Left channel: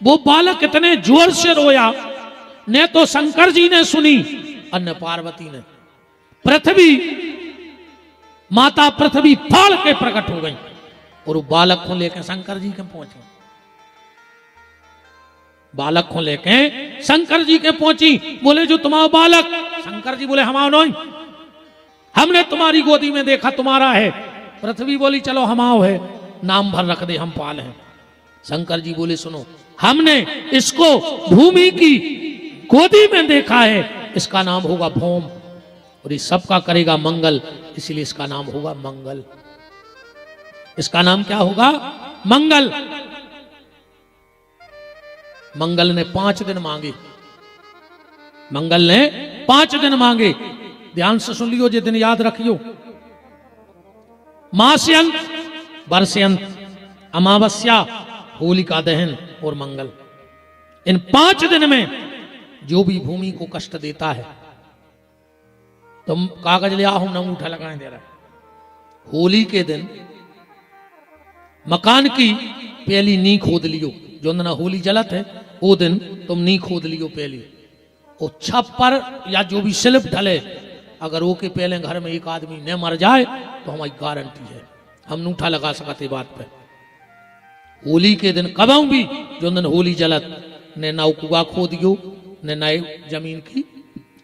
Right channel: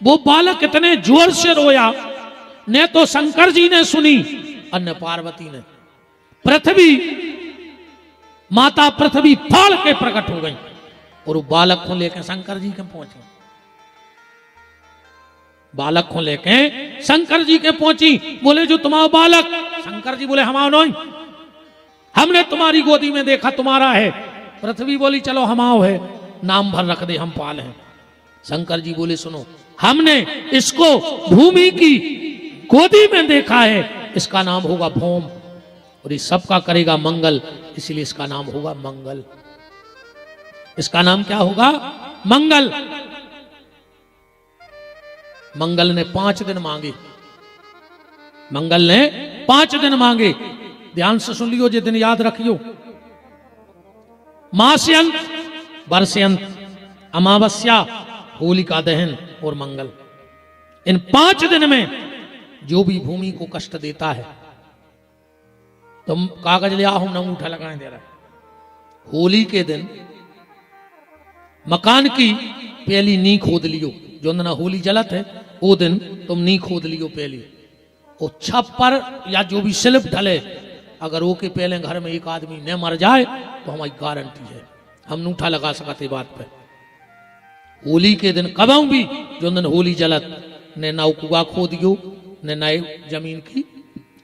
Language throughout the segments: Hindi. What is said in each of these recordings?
वो बालक इतने जोर से रोया, न तो शंकर जी ने सुनी और न पार्वती ने। पृथ्वी, माता पृथ्वी फाड़ के प्रकट हो गई और वो बालक को लेकर शंकर जी के पहुंचे। बालक को लेके शंकर जी के पहुंची। बोले जो तुम्हारा बालक? शंकर जी बोले हमारा नहीं, हमने तुम्हारी गोदी में देखा तुम्हारा है। पृथ्वी बोली चलो हमाओ है, नाम भर रख दे, हम पाल हैं। शंकर जी बोले सुनो, हमने इसको भूमि की गोदी में देखा है, इसका नाम होगा भौम और ये सबका करेगा मंगल, इसलिए इसका नाम होगा मंगल। इसका नाम क्या होगा? मंगल। मंगल ने 5 दिन मांगे। मंगल ने 5 दिन मांगे। ध्यान से सुन लियो, ये दिन याद रखियो। मास्यंत, वर्षयंत, अमावस्या, होलिका दहन और मंगल। इन 5 दिन में जो भी भूमि को कष्ट देता है, तुम कागज ले आओ, हम अंगूठा लगाए दे रहा। होली के दिन मकान की पहली नींव खोद लियो। जो दिन होली जलत है वो दिन तुम नींव खोद लियो पहली। और छप्पर या जो भी स्लिप ढले, अगर वो के पहले घर में एक आदमी न मर जाए तो हमारी गारंटी है, हम अंगूठा लगा सकते बात पे। होली के दिन कबाऊ भी जो दिन होली जलत, ने नाव कुआ खोदियो, ने नए जमीन की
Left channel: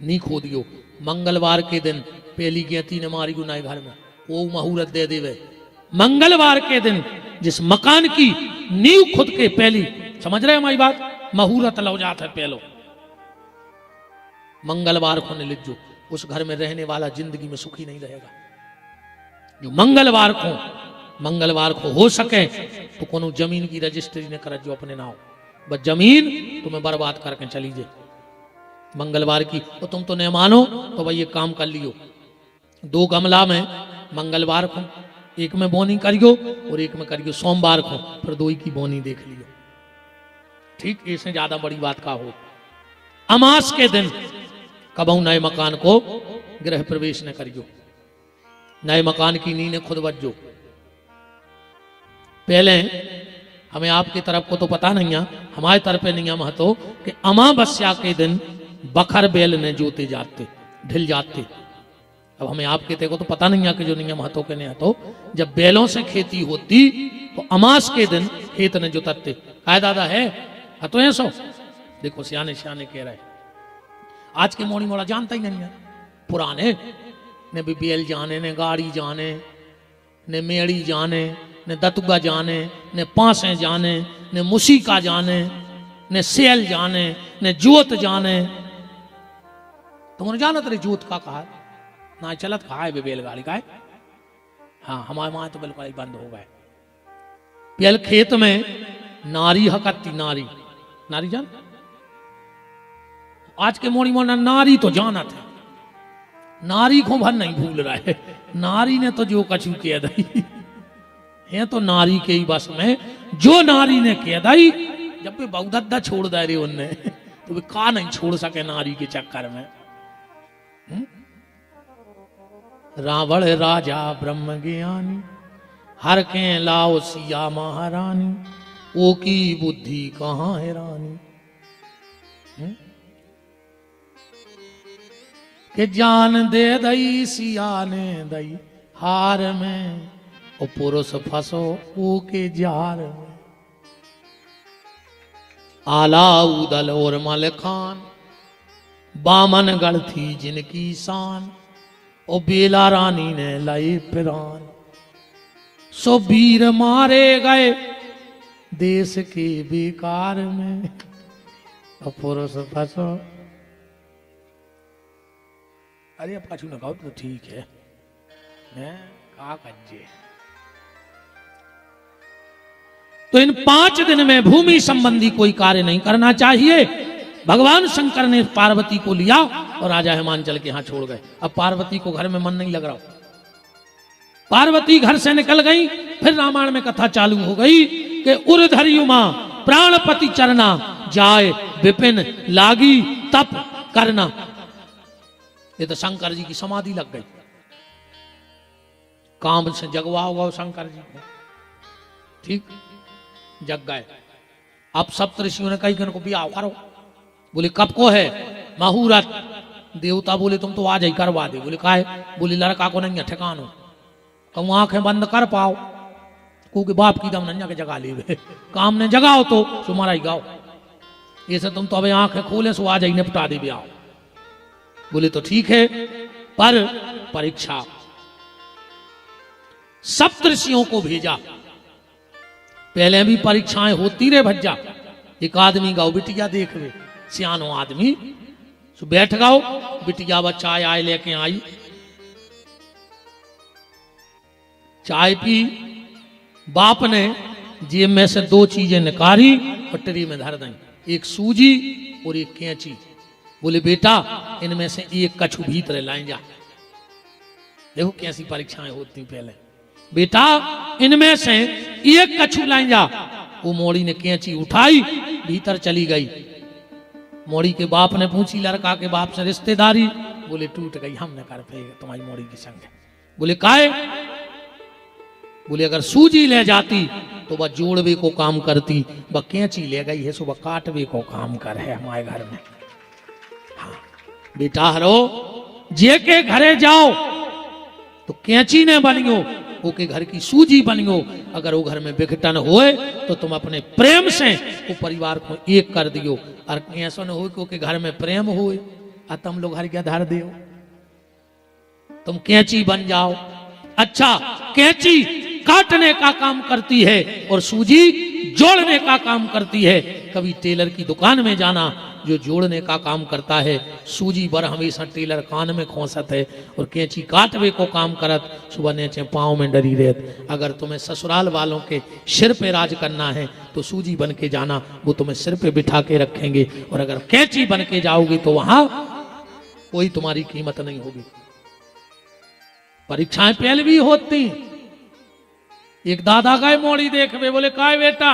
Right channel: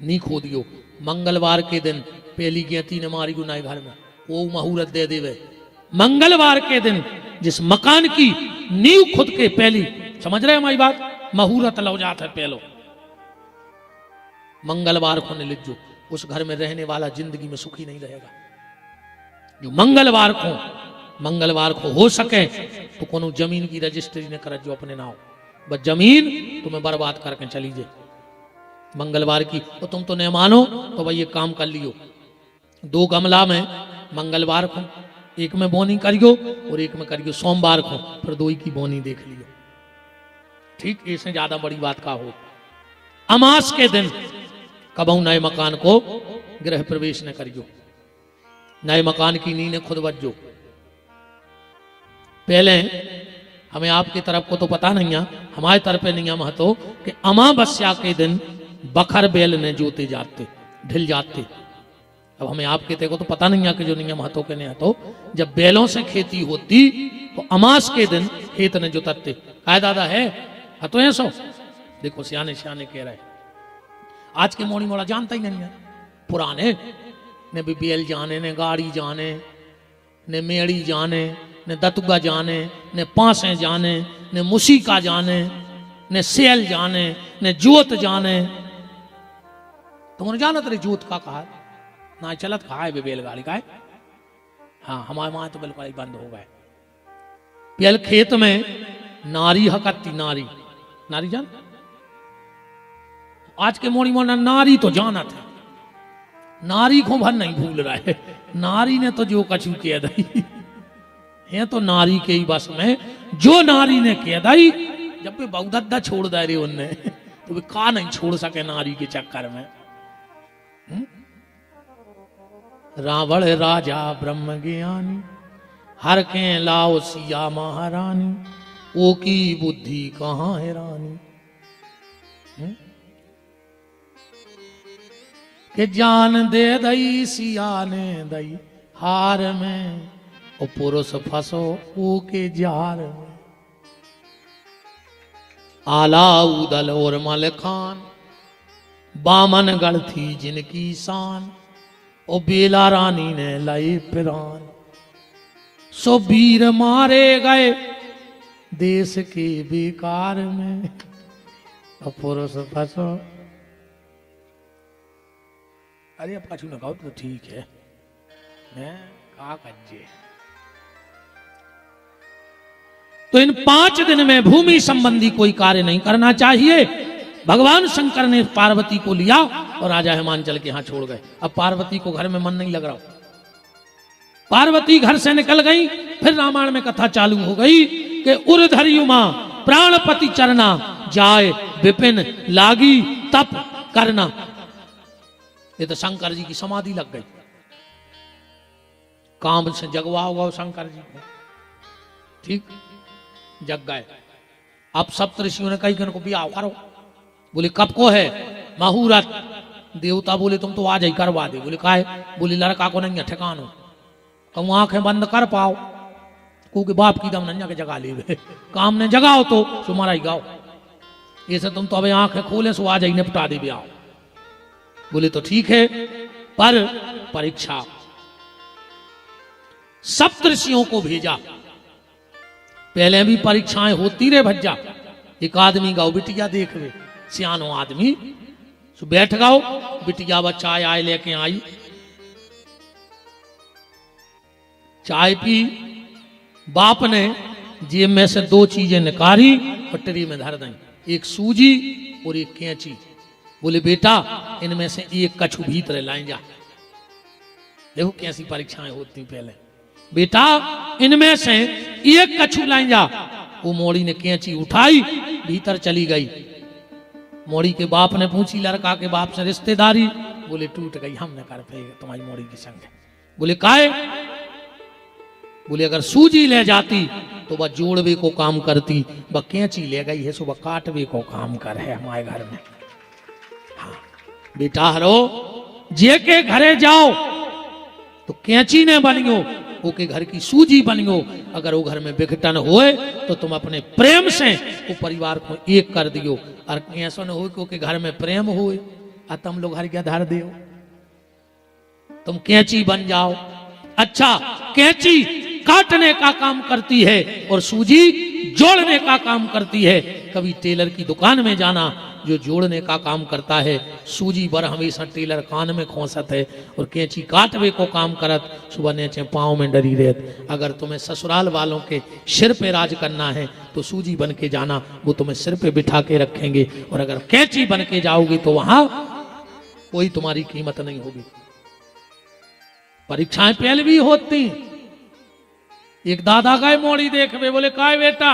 नी खोदियो। मंगलवार के दिन पहली गेती ने मारी गु नए घर में, वो मुहूर्त दे देवे। मंगलवार के दिन जिस मकान की नींव खुद के पहली, समझ रहे हमारी बात, मुहूर्त लग जाता है पहलो। मंगलवार को ने लिखो, उस घर में रहने वाला जिंदगी में सुखी नहीं रहेगा। मंगलवार को हो सके तो कोनो जमीन की रजिस्ट्री न कर जो अपने नाम, बस जमीन तो बर्बाद करके चली जाए। मंगलवार की तुम तो नहीं मानो तो ये काम कर लियो। 2 गमला में मंगलवार को, एक में बोनी करियो और एक में करियो सोमवार को, फिर 2 की बोनी देखिए। ठीक, इससे ज्यादा बड़ी बात का हो। अमास के दिन कबहू नए मकान को गृह प्रवेश न करियो। नए मकान की नींव खुद बज्जो। पहले हमें आपके तरफ को तो पता नहीं है, हमारे तरफ नियम है तो कि अमावस्या के दिन बखर बेल ने जोते जाते, ढिल जाती। अब हमें आपके देखो तो पता नहीं है कि जो नियम है तो करने हो तो, जब बेलों से खेती होती तो अमास के दिन खेत ने जोतते। दादा है तो ये सो देखो, सियाने सियाने कह रहे। आज के मोड़ी मोड़ा जानता ही नहीं है। पुराने ने भी बेल जाने, ने गाड़ी जाने, ने मेड़ी जाने, ने दतुगा जाने, ने पासे जाने, ने मुसीका जाने, ने सेल जाने, ने जोत जाने। तुमने जाना तेरे जोत का कहा ना चलत कहा है बेलगाड़ी का। हाँ, हमारे वहां तो बेलगाड़ी बंद हो गए। बेल खेत में नारी हकती, नारी नारी जान। आज के मोड़ी मोना नारी तो जाना था, नारी को हम नहीं भूल रहा है। नारी ने तो जो कछु किया था ये तो नारी के ही बस में, जो नारी ने किया था। जब वे भगदत्ता छोड़ दा रही उनने, तो वे का नहीं छोड़ सके नारी के चक्कर में। रावण राजा ब्रह्म ज्ञानी, हर के लाओ सिया महारानी, वो की बुद्धि कहाँ है रानी। के जान दे दई सिया ने दई हार में, और पुरुष फसो ऊ के जाल में। आला उदल और मल खान, बामन गढ़ थी जिनकी शान, और बेला रानी ने लाई प्राण। सो वीर मारे गए देश के बेकार में, और पुरुष फसो। अरे पाछू न तो ठीक है, का कज्जे। तो इन 5 दिन में भूमि संबंधी कोई कार्य नहीं करना चाहिए। भगवान शंकर ने पार्वती को लिया और राजा हिमांचल के यहां छोड़ गए। अब पार्वती को घर में मन नहीं लग रहा। पार्वती घर से निकल गई। फिर रामायण में कथा चालू हो गई कि उर्धरी उमा प्राणपति चरना, जाए विपिन लागी तप करना। ये तो शंकर जी की समाधि लग गई। काम से जगवा हुआ शंकर जी को, ठीक जग गए। अब सब ऋषियों ने कही को ब्याह करो। बोले कब को है? मुहूर्त। देवता बोले तुम तो आज ही करवा दे। बोले काहे? बोले लड़का को नहीं ठिकानो, तुम आंखें बंद कर पाओ क्योंकि बाप की दम नन्या के जगा ले काम ने जगाओ तो तुम्हारा ही गाओ, ऐसे तुम तो अभी आंखें खोले सो आज ही निपटा दे ब्याह। बोले तो ठीक है, पर परीक्षा। सप्तऋषियों को भेजा, पहले भी परीक्षाएं होती रहे भज्जा। एक आदमी गाओ बिटिया देख वे, सियानो आदमी तो बैठ गाओ, बिटिया व चाय आए लेके आई, चाय पी, बाप ने जेब में से 2 चीजें निकाली और ट्री में धर दी, एक सूजी और एक कैंची। बोले बेटा इनमें से एक कछु भीतर लाए जा। देखो कैसी परीक्षाएं होती पहले। बेटा इनमें से एक कछु लाए जा। वो मोड़ी ने कैंची उठाई, भीतर चली गई। मोड़ी के बाप ने पूछी लड़का के बाप से रिश्तेदारी। बोले टूट गई, हम न कर पाएंगे तुम्हारी मोड़ी की संग। बोले काहे? बोले अगर सूजी ले जाती तो वह जोड़वे को काम करती, वह कैंची ले गई है सो वह काटवे को काम कर है हमारे घर में। हाँ। बेटा हरो जे के घरे जाओ तो कैंची ने बनियो, वो के घर की सूजी बनियो। अगर वो घर में विघटन होए तो तुम अपने प्रेम से वो परिवार को एक कर दियो, और ऐसा न हो क्योंकि घर में प्रेम होए और तुम लोग घर के धर दियो, तुम कैंची बन जाओ। अच्छा, कैंची काटने का काम करती है और सूजी जोड़ने का काम करती है। कभी टेलर की दुकान में जाना, जो जोड़ने का काम करता है, सूजी बर हमेशा टेलर कान में खोसत है और कैंची काटवे को काम करत, सुबह ने पाँव में डरी रहत। अगर तुम्हें ससुराल वालों के सिर पे राज करना है तो सूजी बन के जाना, वो तुम्हें सिर पे बिठा के रखेंगे, और अगर कैंची बन के जाओगी तो वहां कोई तुम्हारी कीमत नहीं होगी। परीक्षाएं पहले भी होती हैं। एक दादा गए मोड़ी देखवे, बोले काय बेटा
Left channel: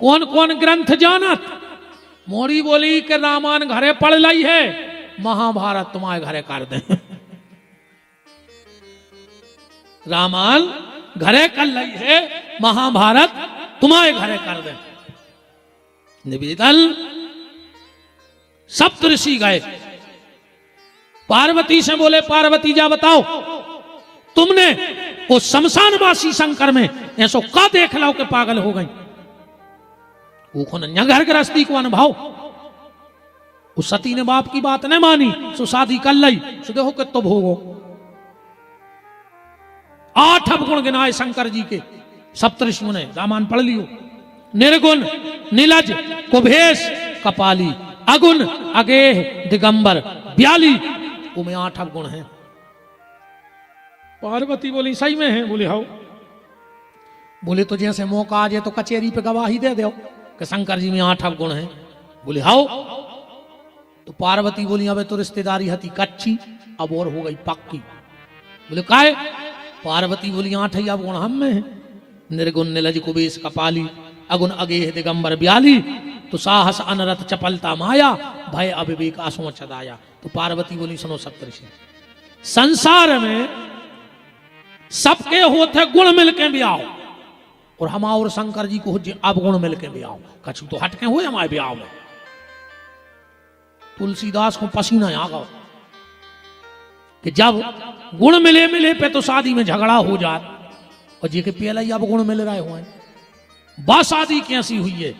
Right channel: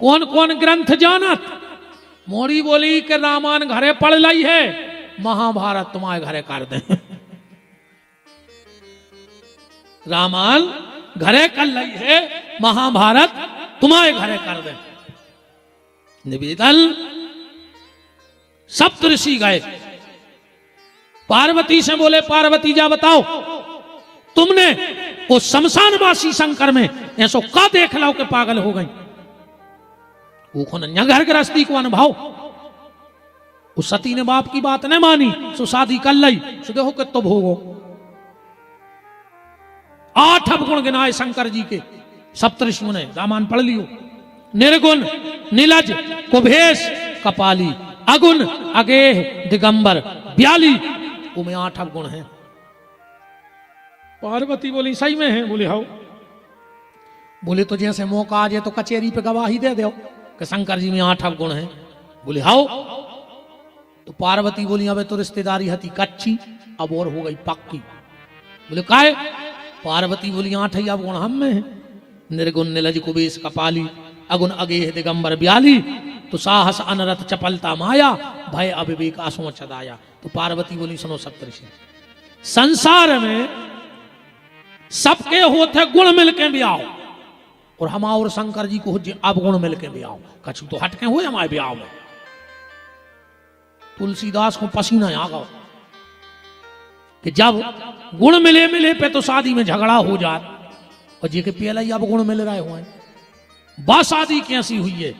कौन कौन ग्रंथ जानत? मोड़ी बोली कि रामायण घरे पढ़ ली है, महाभारत तुम्हारे घरे कर दे। रामायण घरे कर ली है, महाभारत तुम्हारे घरे कर दे। निवेदन सप्तऋषि गए, पार्वती से बोले पार्वती जा बताओ तुमने वो शमशानवासी शंकर में ऐसो का देख लो के पागल हो गई? वो घर गृहस्थी को अनुभव, उस सती ने बाप की बात नहीं मानी तो शादी कर ली, तो देखो कि तो भोगो। 8 अवगुण गिनाए शंकर जी के सप्तऋषियों ने, रामायण पढ़ लियो। निर्गुण, नीलज, कुभेश, कपाली, अगुण, अगेह, दिगंबर, ब्याली, उनमें 8 अवगुण हैं। पार्वती बोली सही में है? बोले हाउ। बोले तो जैसे मौका आ जाए तो कचेरी पे गवाही दे दो कि शंकर जी में 8 अवगुण हैं। बोले हाउ। तो पार्वती बोली अबे तो रिश्तेदारी हती कच्ची, अब और हो गई पक्की। बोले काहे? पार्वती बोली 8 ही अवगुण हम में है, निर्गुण, निलज, कुबेश, कपाली, अगुण, अगेह, दिगंबर, ब्याली। तो साहस, अनरथ, चपलता, माया, भय, अविवेक, असोच, दाया। तो पार्वती बोली सुनो सप्तऋषि, संसार में सबके होते गुण मिलके भी आओ, और हम और शंकर जी को अब गुण मिलके भी आओ, कछु तो हटके हुए हमारे ब्याह में। तुलसीदास को पसीना आ गया कि जब गुण मिले मिले पे तो शादी में झगड़ा हो जाए, और जी के पहले ही अब गुण मिल रहे हुए, बस शादी कैसी हुई है?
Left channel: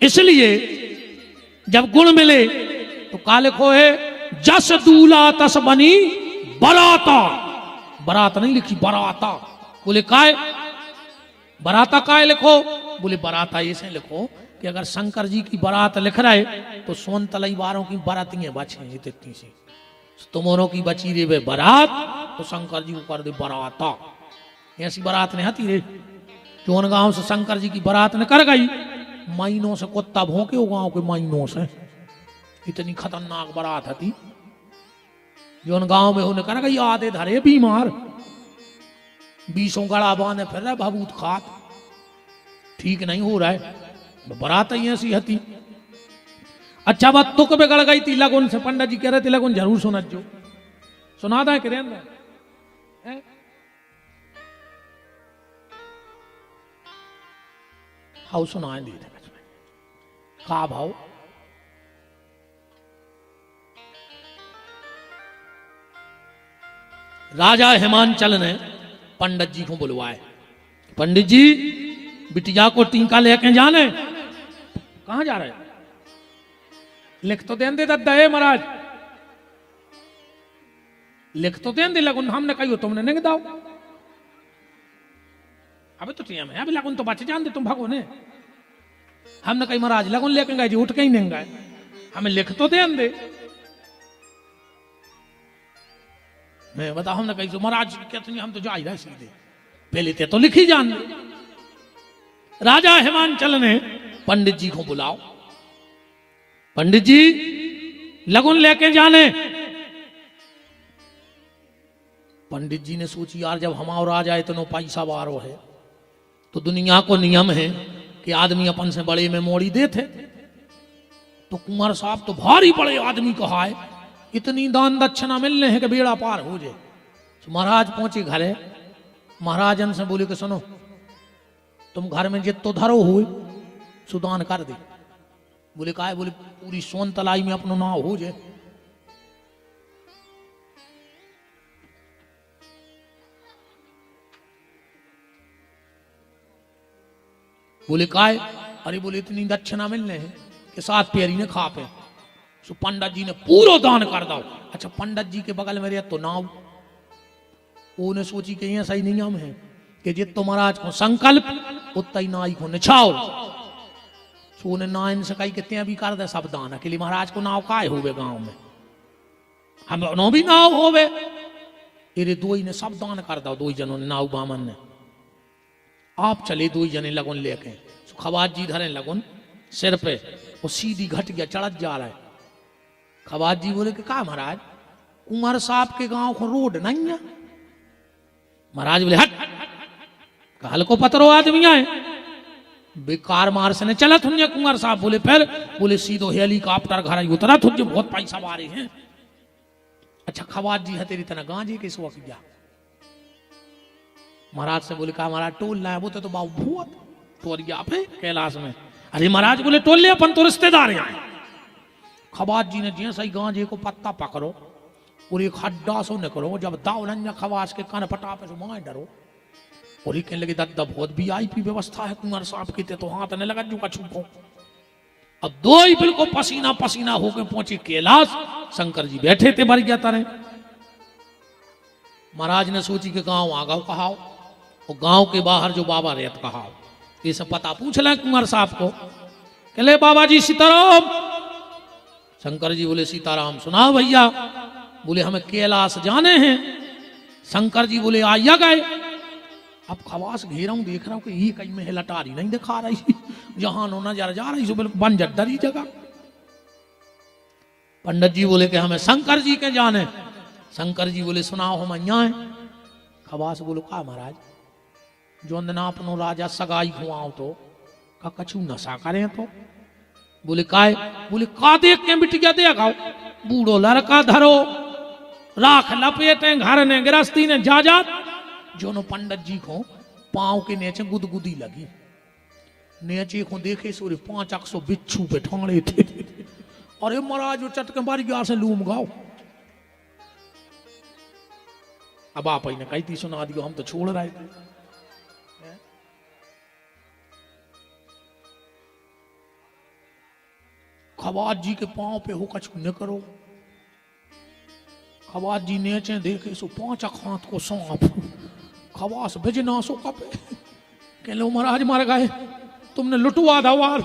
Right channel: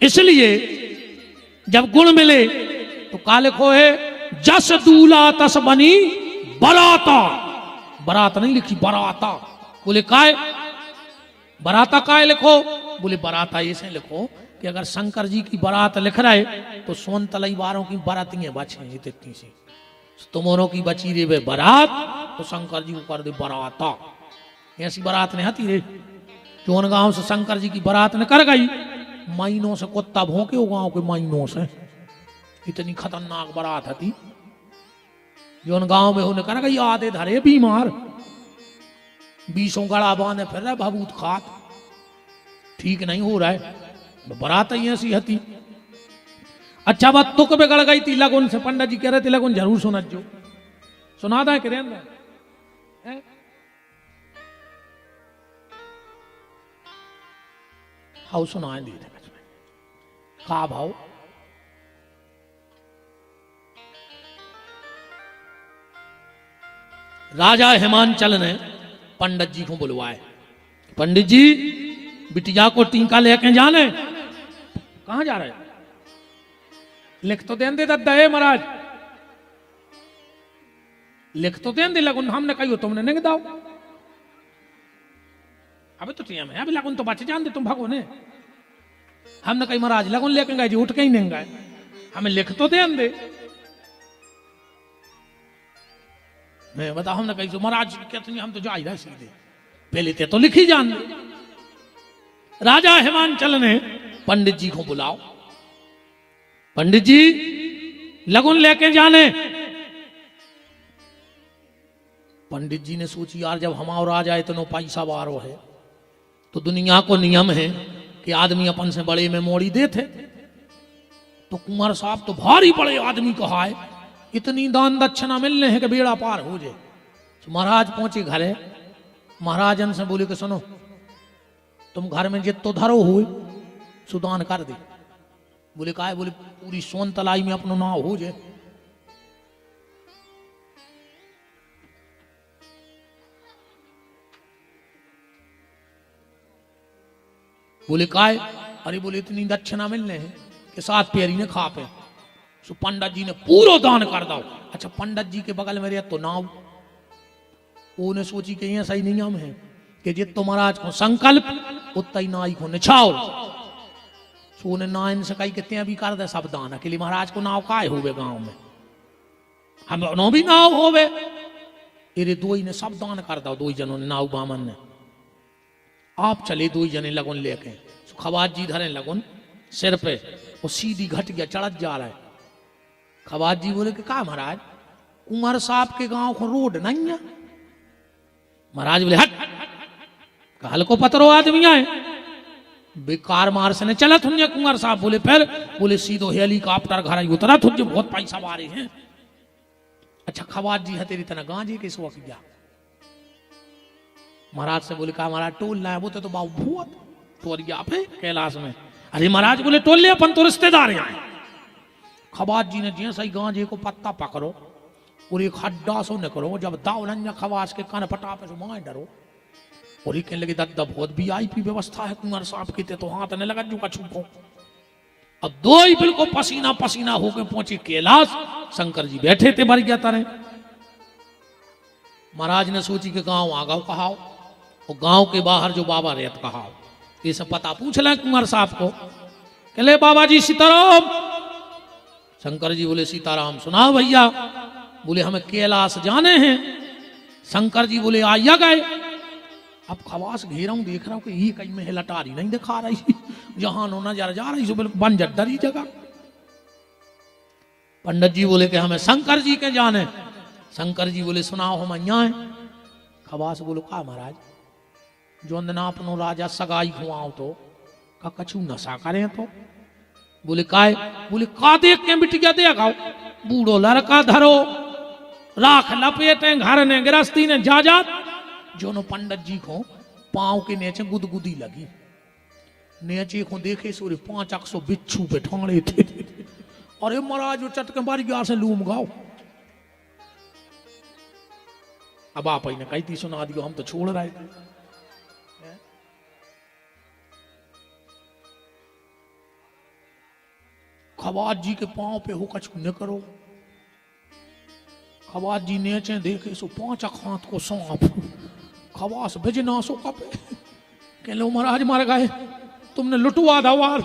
इसलिए जब गुण मिले तो काल को है जस दूला तस बनी बराता। बरात नहीं लिखी, बरात। गांव में कर गई आधे घरे भी मार, 20 गड़ा बांधे पहले भगूत खा, ठीक नहीं हो रहा है। बरात ही ऐसी हती। अच्छा बात तो कभी गड़ गई थी लगन से, पंडित जी कह रहे थे लगन जरूर सुना जो सुना था करें हाउ सुना दी। का भाव। राजा हिमांचल ने पंडित जी को बुलवाए, पंडित जी बिटिया को टीका लेके जाने। कहां जा रहे? लिख तो दें दे दद्दा है महाराज, लिख तो दें दे लगुन, हमने कही तुमने नहीं दाओ। अबे तो टीम है, अभी लगुन तो बच जान दे, तुम भगो ने। हमने कही महाराज लगुन लेके गए जी, उठ के ही नहीं गए, हमें लिख तो दें दे। मैं बता, हमने कही तो महाराज कहते नहीं, हम तो जा ही रहे सीधे, पहले तो लिखी जान। राजा हिमांचल ने पंडित जी को बुलाओ, पंडित जी लगुन लेके जाने। पंडित जी ने सोची यार जब हमारा राजा इतना पैसा वारो है तो दुनिया को नियम है कि आदमी अपन से बड़े में मोड़ी देते, तो कुंवर साहब तो भारी बड़े आदमी कहा है, इतनी दान दक्षिणा मिलने हैं कि बेड़ा पार हो जाए। तो महाराज पहुंचे घरे, महाराजन से बोले कि सुनो तुम घर में जितो धरो हो सुदान कर दे। बोले का? बोले पूरी सोन तलाई में अपना नाव हो जाए। बोले काय? अरे बोले इतनी दक्षिणा मिलने हैं कि 7 पेरी ने खा पे। तो पंडित जी ने पूरा दान कर दो। अच्छा पंडित जी के बगल में रहे तो नाव, वो ने सोची कि ये सही नियम है कि जितो महाराज को संकल्प उतना ही नाई को निछाओ। सो ने नाइन से कही कितने भी कर दे सब दान, अकेले महाराज को नाव काय होवे गांव में, हम नो भी नाव होवे। तेरे दो ही ने सब दान कर दो, 2 जनों ने नाव बामन ने। आप चले 2 जने लगन लेके, खवाज जी धरे लगन सिर पे, वो सीधी घट गया, चढ़ जा रहा है। खवाज जी बोले कि का महाराज कुंवर साहब के गांव को रोड नहीं है। महाराज बोले हट, काल को पतरो आदमी आए बेकार मार से ने चला तुझे कुंवर साहब। बोले फिर? बोले सीधो हेलीकॉप्टर घर उतरा, तुझे बहुत पैसा मारे हैं। अच्छा खवाज जी है तेरी तरह गांजे के इस वक्त गया। महाराज से बोले कहा महाराज टोल ना है, वो तो बाबू भूत तो गया पे कैलाश में। अरे महाराज बोले टोल ले, अपन तो रिश्तेदार हैं। खवाज जी ने जैसा ही गांजे को पत्ता पकड़ो और एक खड्डा सो न करो, जब दावलन खवास के कान पटापे से मार डरो। और ही कहने लगे दादा बहुत वीआईपी व्यवस्था है कुंवर साहब की, तो हाथ न लगा दूंगा छुपो। अब 2 ही बिल्कुल पसीना पसीना होकर पहुंचे कैलाश। शंकर जी बैठे थे मर गया तारे। महाराज ने सोची कि गांव आ गओ कहा, और गांव के बाहर जो बाबा ने कहा ये सब पता पूछ ले कुंवर साहब को। कहले बाबा जी सीताराम। शंकर जी बोले सीताराम। सुनाओ भैया। बोले हमें कैलाश जाने हैं। शंकर जी बोले आइया गए। अब खवास घेरा हूं, देख रहा हूं कि ये कहीं में लटारी नहीं दिखा रही, जहां नोना जा रही बिल्कुल बंजर डरी जगह। पंडित जी बोले कि हमें शंकर जी के जाने। शंकर जी बोले सुनाओ हम यहाँ है। खवास बोलो का महाराज जो ना अपनो राजा सगाई खुआओ तो का कछु नशा करें तो। बोले काय? बोले का देख के बिटिया देखा बूढ़ो लड़का धरो राख लपेटे घर ने गृहस्थी ने जाजात। जो नो पंडित जी को पांव के नीचे गुदगुदी लगी, नीचे को देखे सूर्य 500 बिच्छू पे ठोंगड़े थे। अरे महाराज वो चटके मार गया से लूम गाओ। अब आप ने कही थी सुना दियो, हम तो छोड़ रहे थे। खवाज जी के पांव पे हो कछ न करो। खवाज जी नीचे देखे सो 5 हाथ को सांप। खवास बिजना सो कपे कह लो महाराज मर गए, तुमने लुटवा दो वार,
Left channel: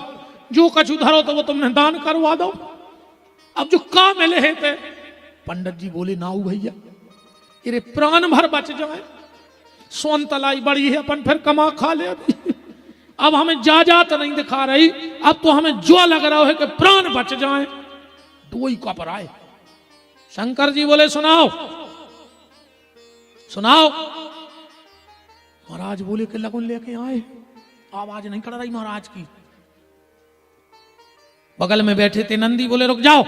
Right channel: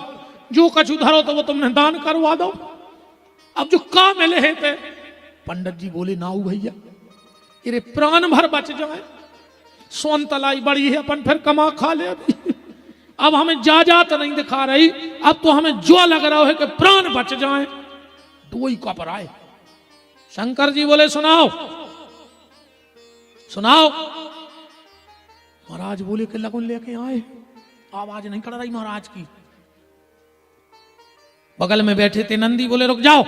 जो कछ उधरो तो वो तुमने दान करवा दो, अब जो काम मिले है थे। पंडित जी बोले नाऊ भैया तेरे प्राण भर बच जाए, सोन तलाई बड़ी है अपन फिर कमा खा ले। अब हमें जाजात नहीं दिखा रही, अब तो हमें जो लग रहा है कि प्राण बच जाए। 2 ही कपर आए। शंकर जी बोले सुनाओ सुनाओ। महाराज बोले कि लगन लेके आए, आवाज नहीं कर रही महाराज की। बगल में बैठे थे नंदी बोले रुक जाओ,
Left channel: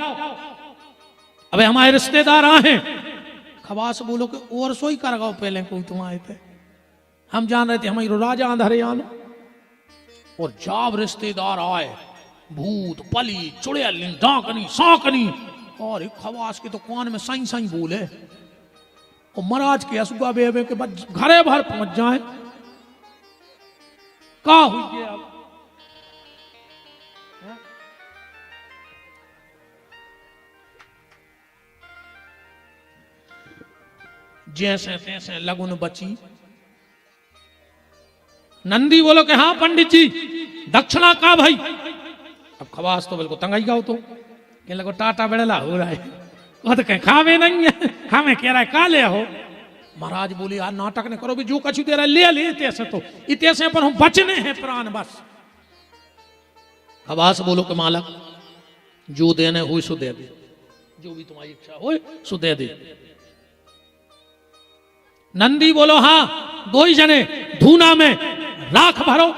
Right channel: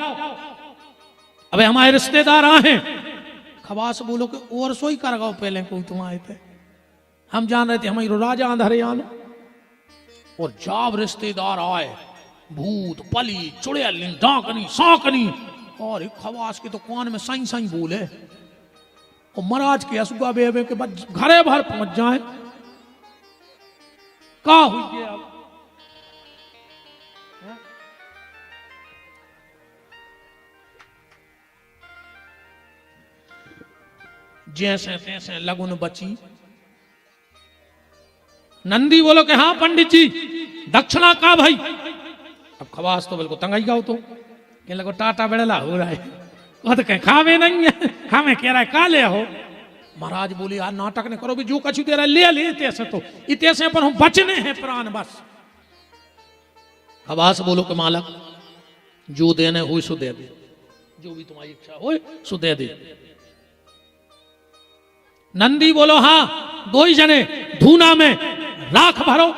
अबे हमारे रिश्तेदार आए हैं। खवास बोलो कि और सोई कर गाओ, पहले कोई तुम आए थे, हम जान रहे थे हमारे राजा अंधरे आने। और जब रिश्तेदार आए भूत पली चुड़ैल डाकनी सांकनी और एक खवास के तो कान में साई साई बोले और महाराज के असुगा बेबे के बाद घरे भर पहुंच जाए का हुई है अब जैसे तैसे लगुन बची। नंदी बोलो कि हाँ पंडित जी दक्षिणा का भाई। अब खवास तो बिल्कुल तंगाई गाओ तो कहने लगो टाटा बेड़ला हो रहा है वो तो कहीं खावे नहीं है खावे कह रहा है का ले हो। महाराज बोले यार नाटक ने करो भी जो कछु दे रहा ले ले इतने तो इतने पर हम बचने हैं प्राण बस। खवास बोलो कि मालक जो देने हुई सो दे दे जो भी तुम्हारी इच्छा हो सो दे दे। नंदी बोलो हाँ दो ही जने धूना में लाख भरो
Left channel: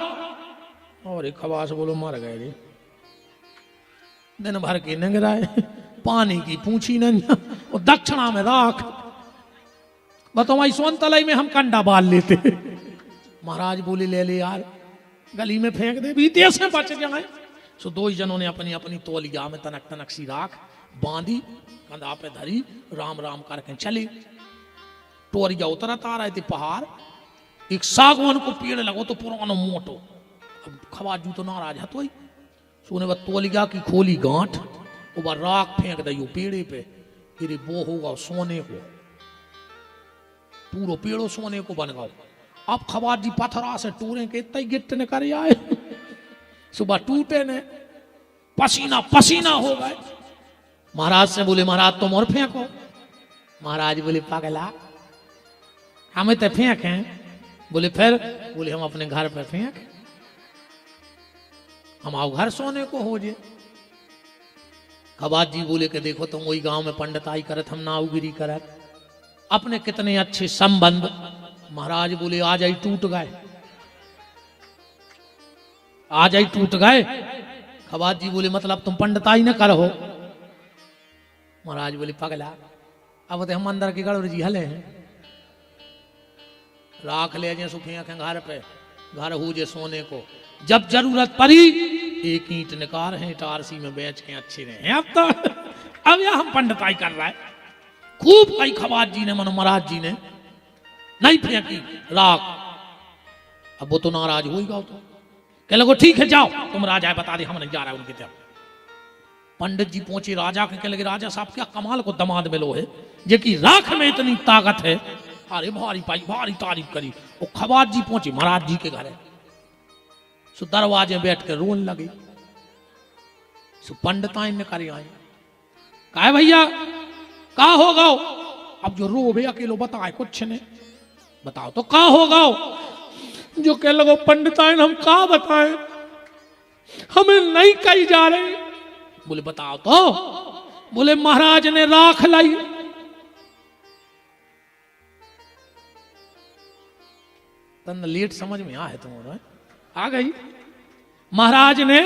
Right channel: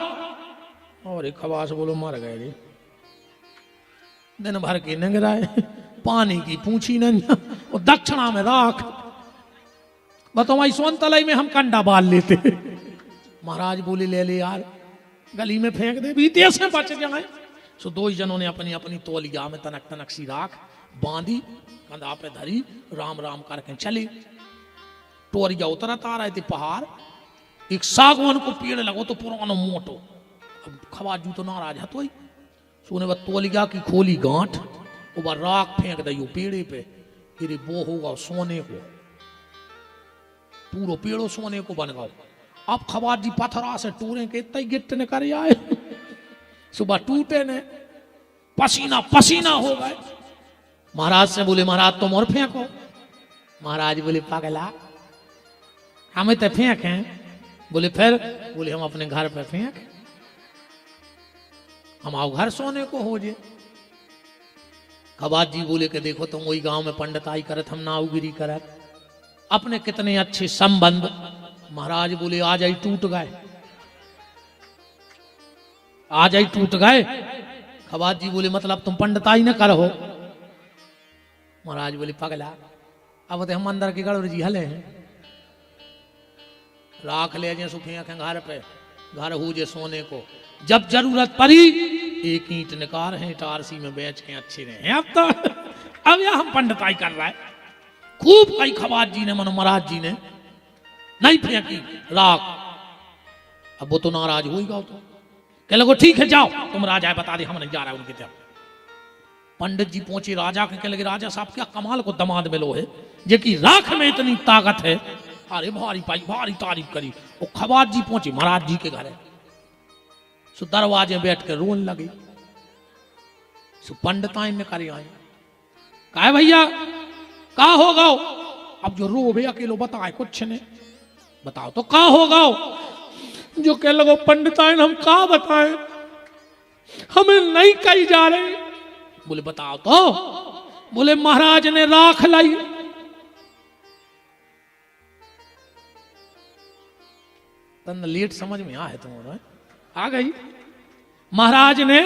और एक खवास बोलो मर जाओ जी दिल भर के निगरा पानी की पूछी नहीं इसमें तलाई में हम कंडा मार लेते हैं। महाराज बोले ले ले यार गली में फेंक दे जैसे किसी ने भी सो दो जन ने अपनी अपनी तौलिया में तनक तनक सी राख बांधी गले पे धरी राम राम करके चले। तौलिया उतरता रहते पहाड़ एक सागवान को पेड़ लगो तो पुराना मोटो खवा जूता महाराज तो ही सुने तौलिया की खोली गांठ और राख फेंक दी पेड़े पे मेरे पूरा सोने को बन गए। अब खवाज जी पथरा से टूरे के इतना गिट्ट ने कर आए सुबह टूटे ने पसीना पसीना हो गए। महाराज से बोले महाराज तुम और फेंको। महाराज बोले पागला हमें तो फेंक हैं। बोले फिर बोले हम अपने घर पे फेंक हम आओ घर सोने को हो जे। खवाज जी बोले कि देखो तुम वही गांव में पंडिताई करत हम नावगिरी करत अपने कितने अच्छे संबंध। महाराज बोले आज ही टूट गए आज ही टूट गए। खवाज जी बोले मतलब तुम पंडिताई न करो। महाराज बोले पगला अब तो हम अंदर के गड़ोर जी हले हैं राख ले जे सुखिया के घर पे घर हो जे सोने को जब जरूरत पड़ी एक ईंट निकार है टारसी में बेच के अच्छे रहे। अब तो अब यह हम पंडिताई कर रहा है खूब कई खवाज जी ने मनो महाराज जी ने नहीं फेंकी लाख। अब वो तो नाराज हो गया तो कह लगो ठीक है जाओ तुम राजा बता दे हम नहीं जा रहा उनकी तरफ। पंडित जी पहुंचे राजा को कह लगे राजा साहब क्या कमाल को दमाद मिलो है जिनकी राख में इतनी ताकत है। अरे भारी पाई भारी तारीफ करी। वो खवाज जी पहुंचे महाराज जी के घर सो दरवाजे बैठ कर रोन लगे। सो पंडिताइन ने करे आए कहा भैया का होगा। अब जो रो भैया अकेलो बताए कुछ ने बताओ तो का होगा। जो कह लगो पंडिताइन हम का बताएं हमें नहीं कही जा रहे। बोले बताओ तो। बोले महाराज ने राख लाई। तन लेट समझ में आए तुम्हारा आ गई। महाराज ने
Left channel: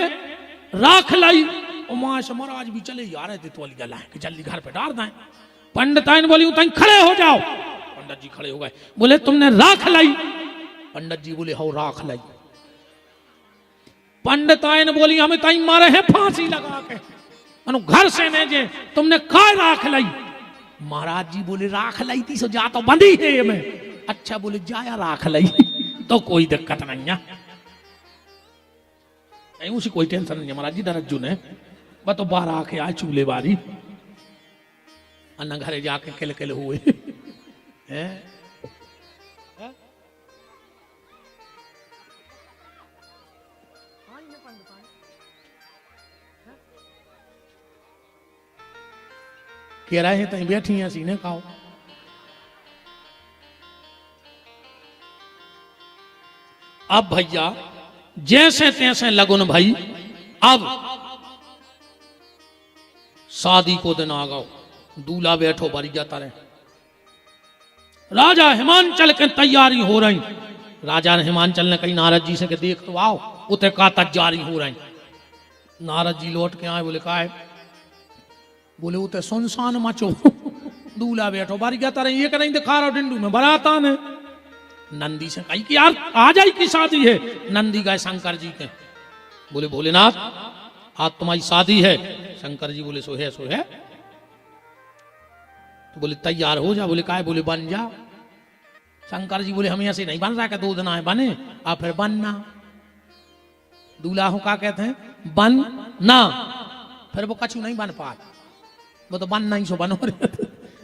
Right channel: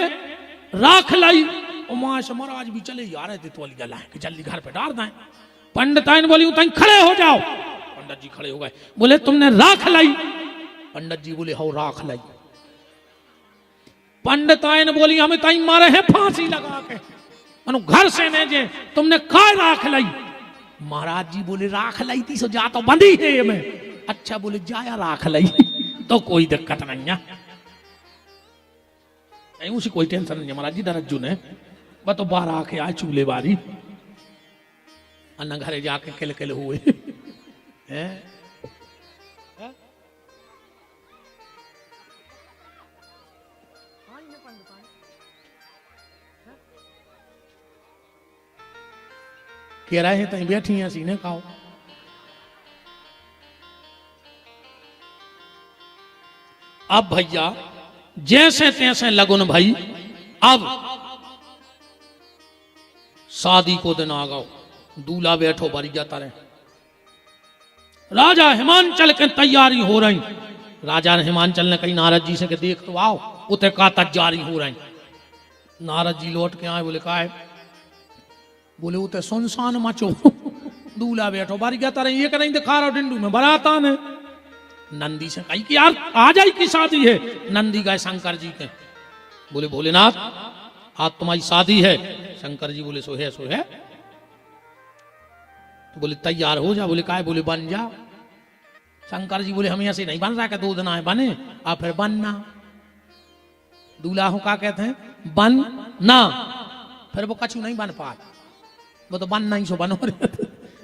राख लाई उमा से महाराज भी चले जा रहे थे तो गला कि जल्दी घर पे डाल दें। पंडिताइन बोली तुम खड़े हो जाओ। पंडित जी खड़े हो गए बोले तुमने राख लाई। पंडित जी बोले हो राख लाई। पंडिताइन बोली हमें ताई मारे हैं फांसी लगा के घर से ने जे तुमने का राख लाई। महाराज जी बोले राख लाई थी सो जा तो बंदी है ये में। अच्छा बोले जाया राख लाई तो कोई दिक्कत नहीं है उसी कोई टेंशन नहीं है। महाराज जी दरज्जू ने बस तो बाहर आके आए चूल्हे बारी अन्ना घरे जाके किल किल हुए हैं। कह रहे हैं तक बैठी हैं सीने खाओ। अब भैया जैसे तैसे लगुन भाई अब शादी को दिन आ गओ दूल्हा बैठो बरी जाता रहो। राजा हिमांचल के तैयारी हो रही। राजा ने हिमांचल ने कही नारद जी से के देख तो आओ उते का तैयारी हो रही। नारद जी लौट के आए बोले का है। बोले उते सुनसान मचो दूल्हा बैठो बारी जाता रही। ये नहीं दिखा रहा डिंडू में बराता ने। नंदी से कही कि यार आ जाए की शादी है। नंदी गए शंकर जी के बोले भोलेनाथ आज तुम्हारी शादी है। शंकर जी बोले सो है सो है। तो बोले तैयार हो जा। बोले काय? बोले बन जा। शंकर जी बोले हम ऐसे नहीं बन रहा कि 2 दिन आए बने और फिर बनना। दूल्हा हूं क्या कहते हैं? बन ना। फिर वो कछु नहीं बन पाए, वो तो बनना ही सो बनो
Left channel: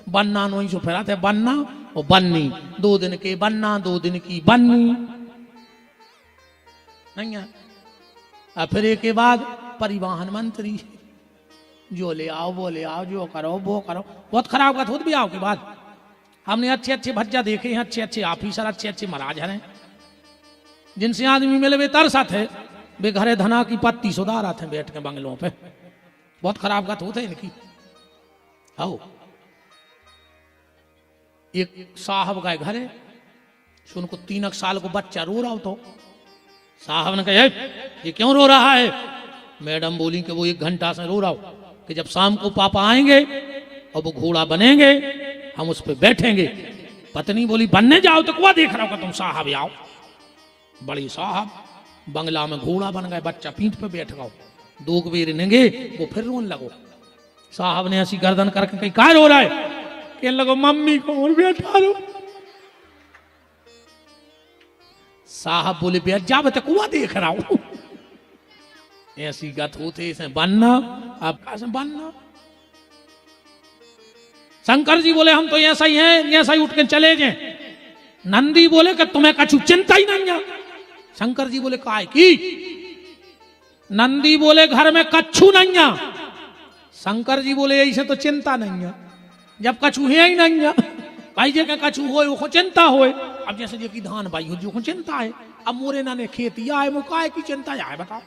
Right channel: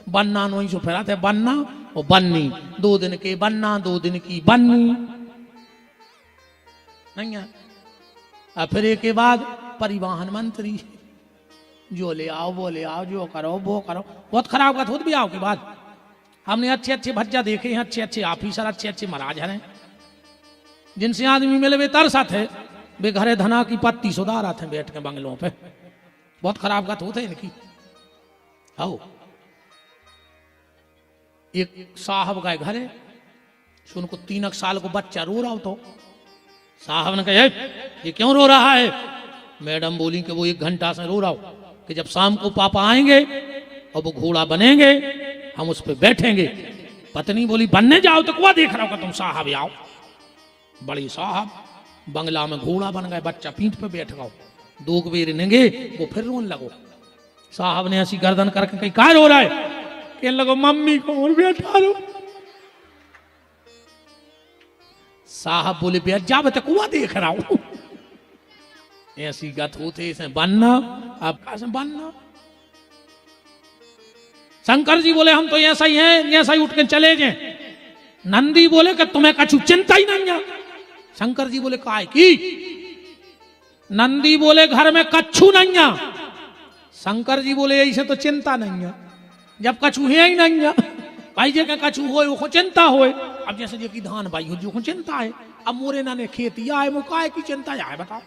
बनना नहीं सो फिर आते बनना और बननी। 2 दिन के बनना, 2 दिन की बननी नहीं है। और फिर एक के बाद परिवहन मंत्री जो ले आओ वो ले आओ, जो करो वो करो। बहुत खराब बात होती भी आओ के बाद। हमने अच्छे अच्छे भज्जा देखे हैं, अच्छे अच्छे ऑफिसर, अच्छे अच्छे महाराज हैं जिनसे आदमी मिले वे तरस आते, वे घरे धना की पत्ती सुधार आते बैठ के बंगलों पे। बहुत खराब बात होते हैं इनकी। आओ एक साहब गए घरे, उनको 3 साल को बच्चा रो रहा हो, तो साहब ने कहा ये क्यों रो रहा है? मैडम बोली कि वो 1 घंटा से रो रहा हो कि जब शाम को पापा आएंगे और वो घोड़ा बनेंगे हम उस पर बैठेंगे। पत्नी बोली बनने जाओ तो क्या देख रहा हो तुम साहब? आओ बड़ी साहब बंगला में घोड़ा बन गया, बच्चा पीठ पे बैठ गया, 2 बेर लेंगे तो फिर रोने लगे। साहब ने ऐसी गर्दन करके कहीं कहा रो रहा है? कहने लगा मम्मी को बैठा लो। साहब बोले बैठ जा, बते कुआ देख रहा हूं। ऐसी गत होते इसे बनना, आप कैसे बनना? शंकर जी बोले हम तो ऐसा ही हैं, ऐसा ही उठ के चले जाए। नंदी बोले कि तुम्हें कछु चिंता ही नहीं है। शंकर जी बोले काय की? नंदी बोले घर में कछु नहीं है। शंकर जी बोले ऐसे तो चिंता नहीं है, जब कछु है ही नहीं है भाई जे के कछु होए वो चिंता होए। अब जैसे जे की धान भाई हो जो चिंता है, अब मोरे ना ने खेती आए वो काय की चिंता है बताओ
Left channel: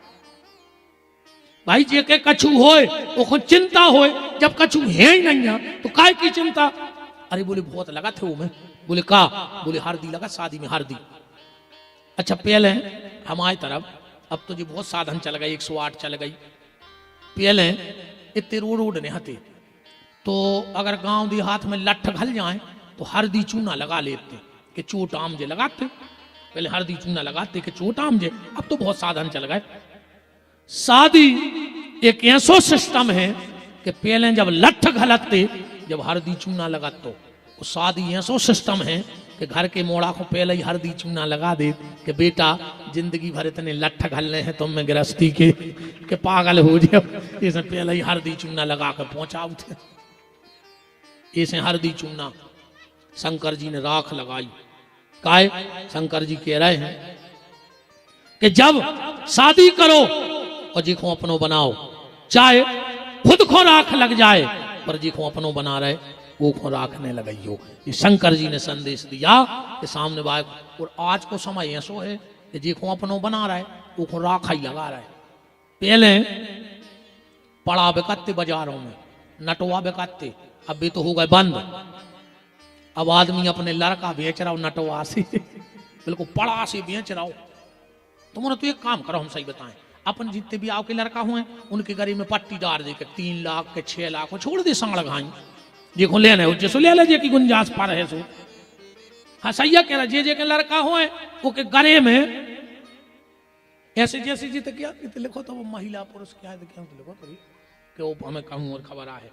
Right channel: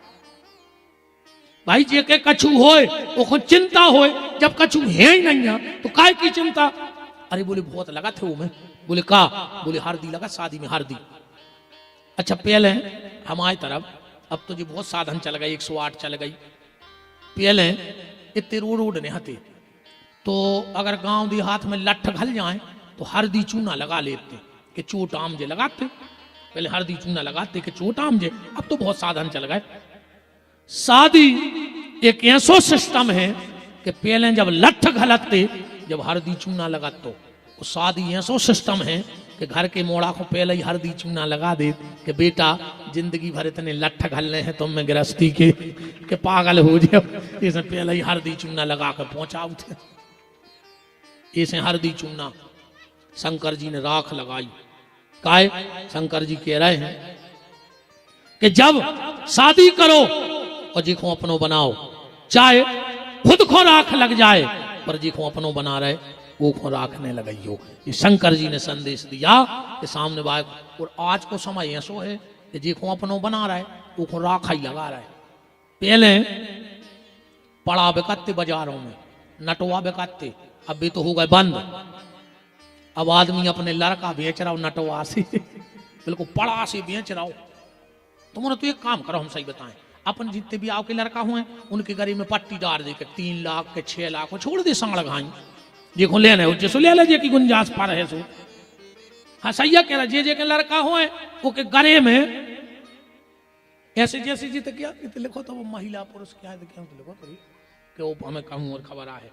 भाई? जे के कछु होए वो चिंता होए, जब कछु है ही नहीं है तो काय की चिंता? अरे बोले बहुत लगा थे वो में। बोले का? बोले हल्दी लगा शादी में हल्दी। अच्छा पहले हमारी तरफ अब तो जी बहुत साधन चल गए, 108 चल गई। पहले इतने रोड नहीं हते, तो अगर गांव देहात में लठ घल जाए तो हल्दी चूना लगा लेते कि चोट आम जे लगाते। पहले हल्दी चूना लगाते कि चोट आम जे। अब तो बहुत साधन चल गए। शादी एक ऐसा सिस्टम है कि पहले जब लठ घलते जब हल्दी चूना लगाते, तो शादी ऐसा सिस्टम है कि घर के मोड़ा को पहले ही हल्दी चूना लगा दे कि बेटा जिंदगी भर इतने लठ घलने हैं तुम में गृहस्थी के पागल हो जाओ, इसे पहले ही हल्दी चूना लगा कर पहुंचाओ थे। इसे हल्दी चूना शंकर जी ने राख लगाई। काय? शंकर जी कह रहे हैं कि जब शादी करो और जी को अपनों बनाओ, चाहे खुद को राख लग जाए पर जी को अपनों बना रहे वो को राखने लगाइयो। ये शंकर जी ने संदेश दिया कि सामने बात। और आज को समय ऐसो है कि जी को अपनों बना रहा है वो को राखा ही लगा रहा है। पहले पड़ा बेकते बाजारों में, नटवा बेकते, अब भी तो हो गए बंद। अब आदमी अपने लड़का बेच रहा हो नटवा से बिल्कुल पड़ा से बेच रहा हो। तुम्हारा तो एक काम करो, हम सही बताएं, अपन जितने भी आओ के लड़का हुए उनके गरीब में पट्टी डाल दे के 3 लाख के 6 लाख को छोड़ दे साड़ लगाए देखो लेने हो जैसो ले ले की गुंजाइश पा रहे सो। हाँ सही कह रहा जे के लड़का हुए वो के गरे में ऐसे जैसे जीत क्या लिखो तो वो महिला पुरुष क्या क्या लिखो तो कि वो हमें कम और खबर आए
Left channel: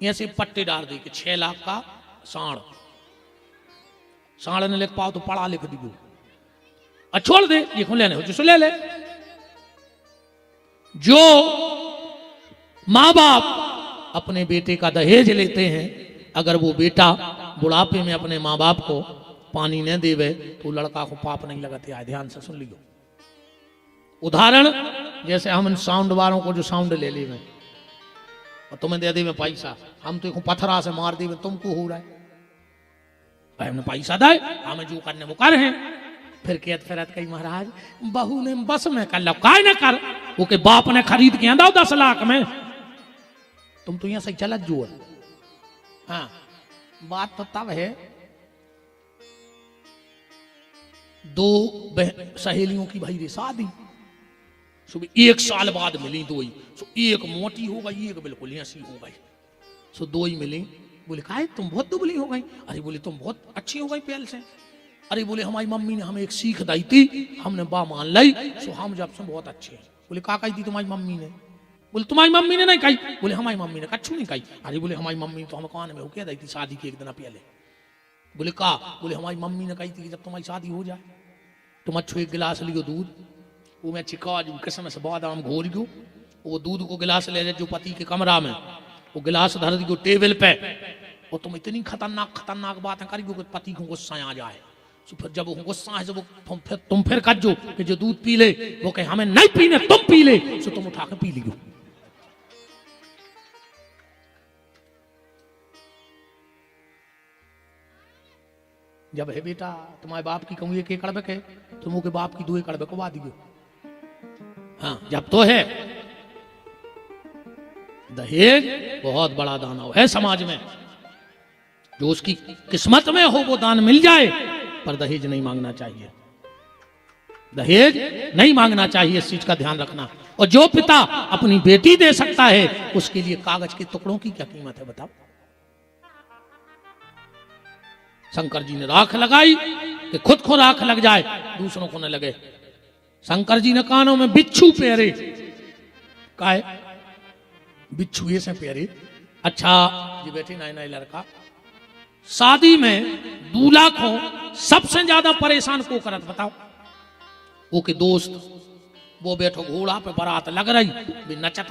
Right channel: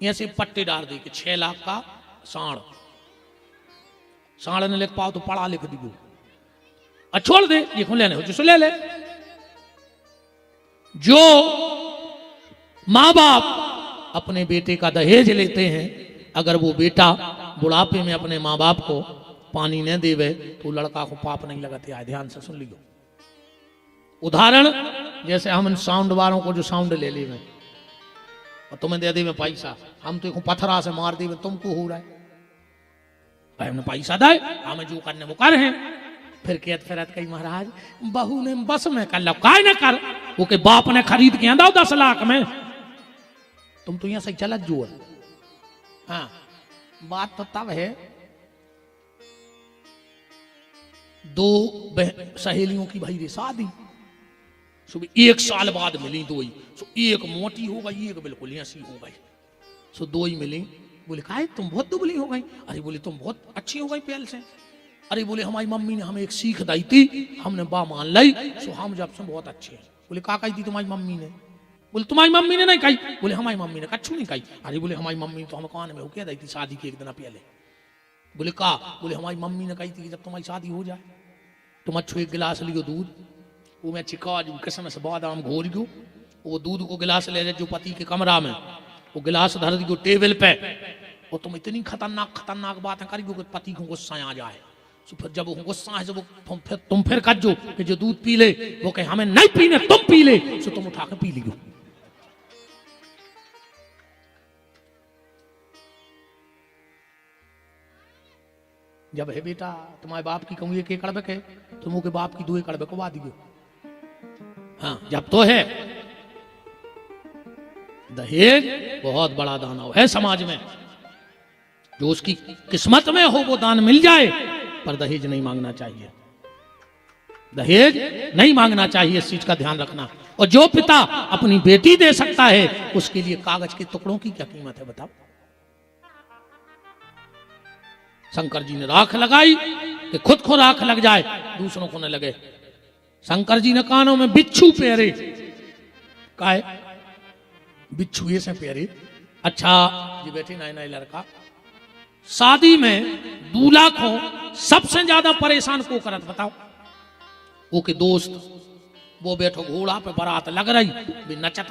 ऐसे पट्टी डाल दी कि 6 लाख का साड़ न लिख पाओ तो पढ़ा लिख दी छोड़ दे ये खुले ले ले। जो माँ बाप अपने बेटे का दहेज लेते हैं, अगर वो बेटा बुढ़ापे में अपने माँ बाप को पानी न देवे तो लड़का को पाप नहीं लगाते। आए ध्यान से सुन लियो। उदाहरण जैसे हम इन साउंड वालों को जो साउंड ले ली में और तुम्हें दे दे में पैसा, हम तो पत्थरा से मार दे तुमको हो रहा है भाई हमने पैसा दे हमें जो करने वो कर है। फिर कहत फिरत कही महाराज बहू ने बस में कर लो काय न कर वो के बाप ने खरीद के दो 10 लाख में तुम तो यहां से चला जोर। हाँ बात तो तब है 2 सहेलियों की भाई शादी सुबह 1 साल बाद मिली 2 ही। सो एक मोटी हो गई एक बिल्कुल ऐसी हो गई। सो 2 ही मिली। बोले कहा तुम बहुत दुबली हो गई। अरे बोले तुम बहुत अच्छी हो गई पहले से। अरे बोले हमारी मम्मी ने हमें एक सीख दी थी हमने बा मान ली सो हम जब से बहुत अच्छे हैं। बोले का कही थी तुम्हारी मम्मी ने? बोले तुम्हारी मम्मी ने नहीं कही। बोले हमारी मम्मी ने कच्छू नहीं कही। अरे बोले हमारी मम्मी तो हम कान में होके दी थी शादी के एक दिन पहले। बोले का? बोले हमारी मम्मी ने कही थी कि जब तुम्हारी शादी हो जाए तुम अच्छो एक गिलास लियो दूध, उसमें चिकाज किशमिश बादाम घोल दो, वो दूध को गिलास ले जो पति के कमरा में, वो गिलास धर दी टेबल पे, और तुम इतनी खतरनाक बातें करी कि पति को गुस्सा आ जाए। तो फिर जब वो गुस्सा है, जब तुम फिर कहो कि जो दूध पी ले, वो कहे हमें नहीं पीने तुम पी ले, तो तुम उठा के पी लियो। जब है बेटा तुम्हारे बाप की कहूँ एक एकड़ के, तुम के बाप की 2 एकड़ बकवा दियो। हाँ, जब तो है दहेज बहुत बड़ा दानव है समाज में, जो उसकी किस्मत में हो वो दान मिल जाए, पर दहेज नहीं मांगना चाहिए। दहेज नहीं मांगना चाहिए, इस चीज का ध्यान रखना। और जो पिता अपनी बेटी दे सकता है, उसके लिए कागज के टुकड़ों की क्या कीमत है बताओ। शंकर जी ने राख लगाई कि खुद को राख लग जाए, दूसरों को न लगे। शंकर जी ने कानों में बिच्छू पेरे, काहे बिच्छू ये से पेरे। अच्छा जी बेटी नए लड़का शादी में दूल्हा को सबसे ज्यादा परेशान को करत बताओ? वो के दोस्त, वो बैठो घोड़ा पे, बारात लग रही, भी नचत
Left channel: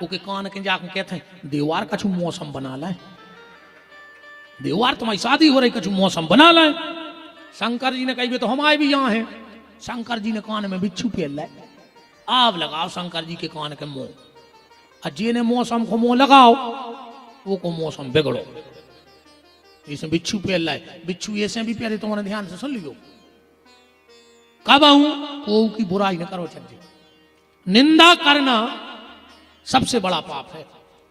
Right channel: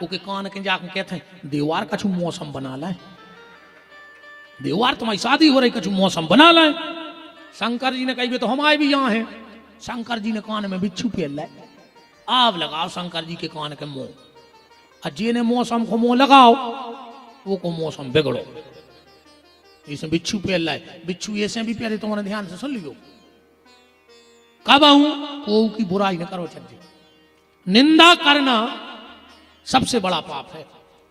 वो के कान के जाकर कहते हैं देवार कछु मौसम बना लाए, देवार तुम्हारी शादी हो रही कछु मौसम बना लाए। शंकर जी ने कही तो हम आए भी यहाँ हैं। शंकर जी ने कान में बिच्छू पेल लाए, आप लगाओ शंकर जी के कान के मुंह, अजी ने मौसम को मुंह लगाओ, वो को मौसम बिगड़ो। इसमें बिच्छू पेल लाए, बिच्छू ऐसे भी प्यारे, तुम्हारे ध्यान से सुन लियो। कब को की बुराई न करो चाहिए, निंदा करना सबसे बड़ा पाप है।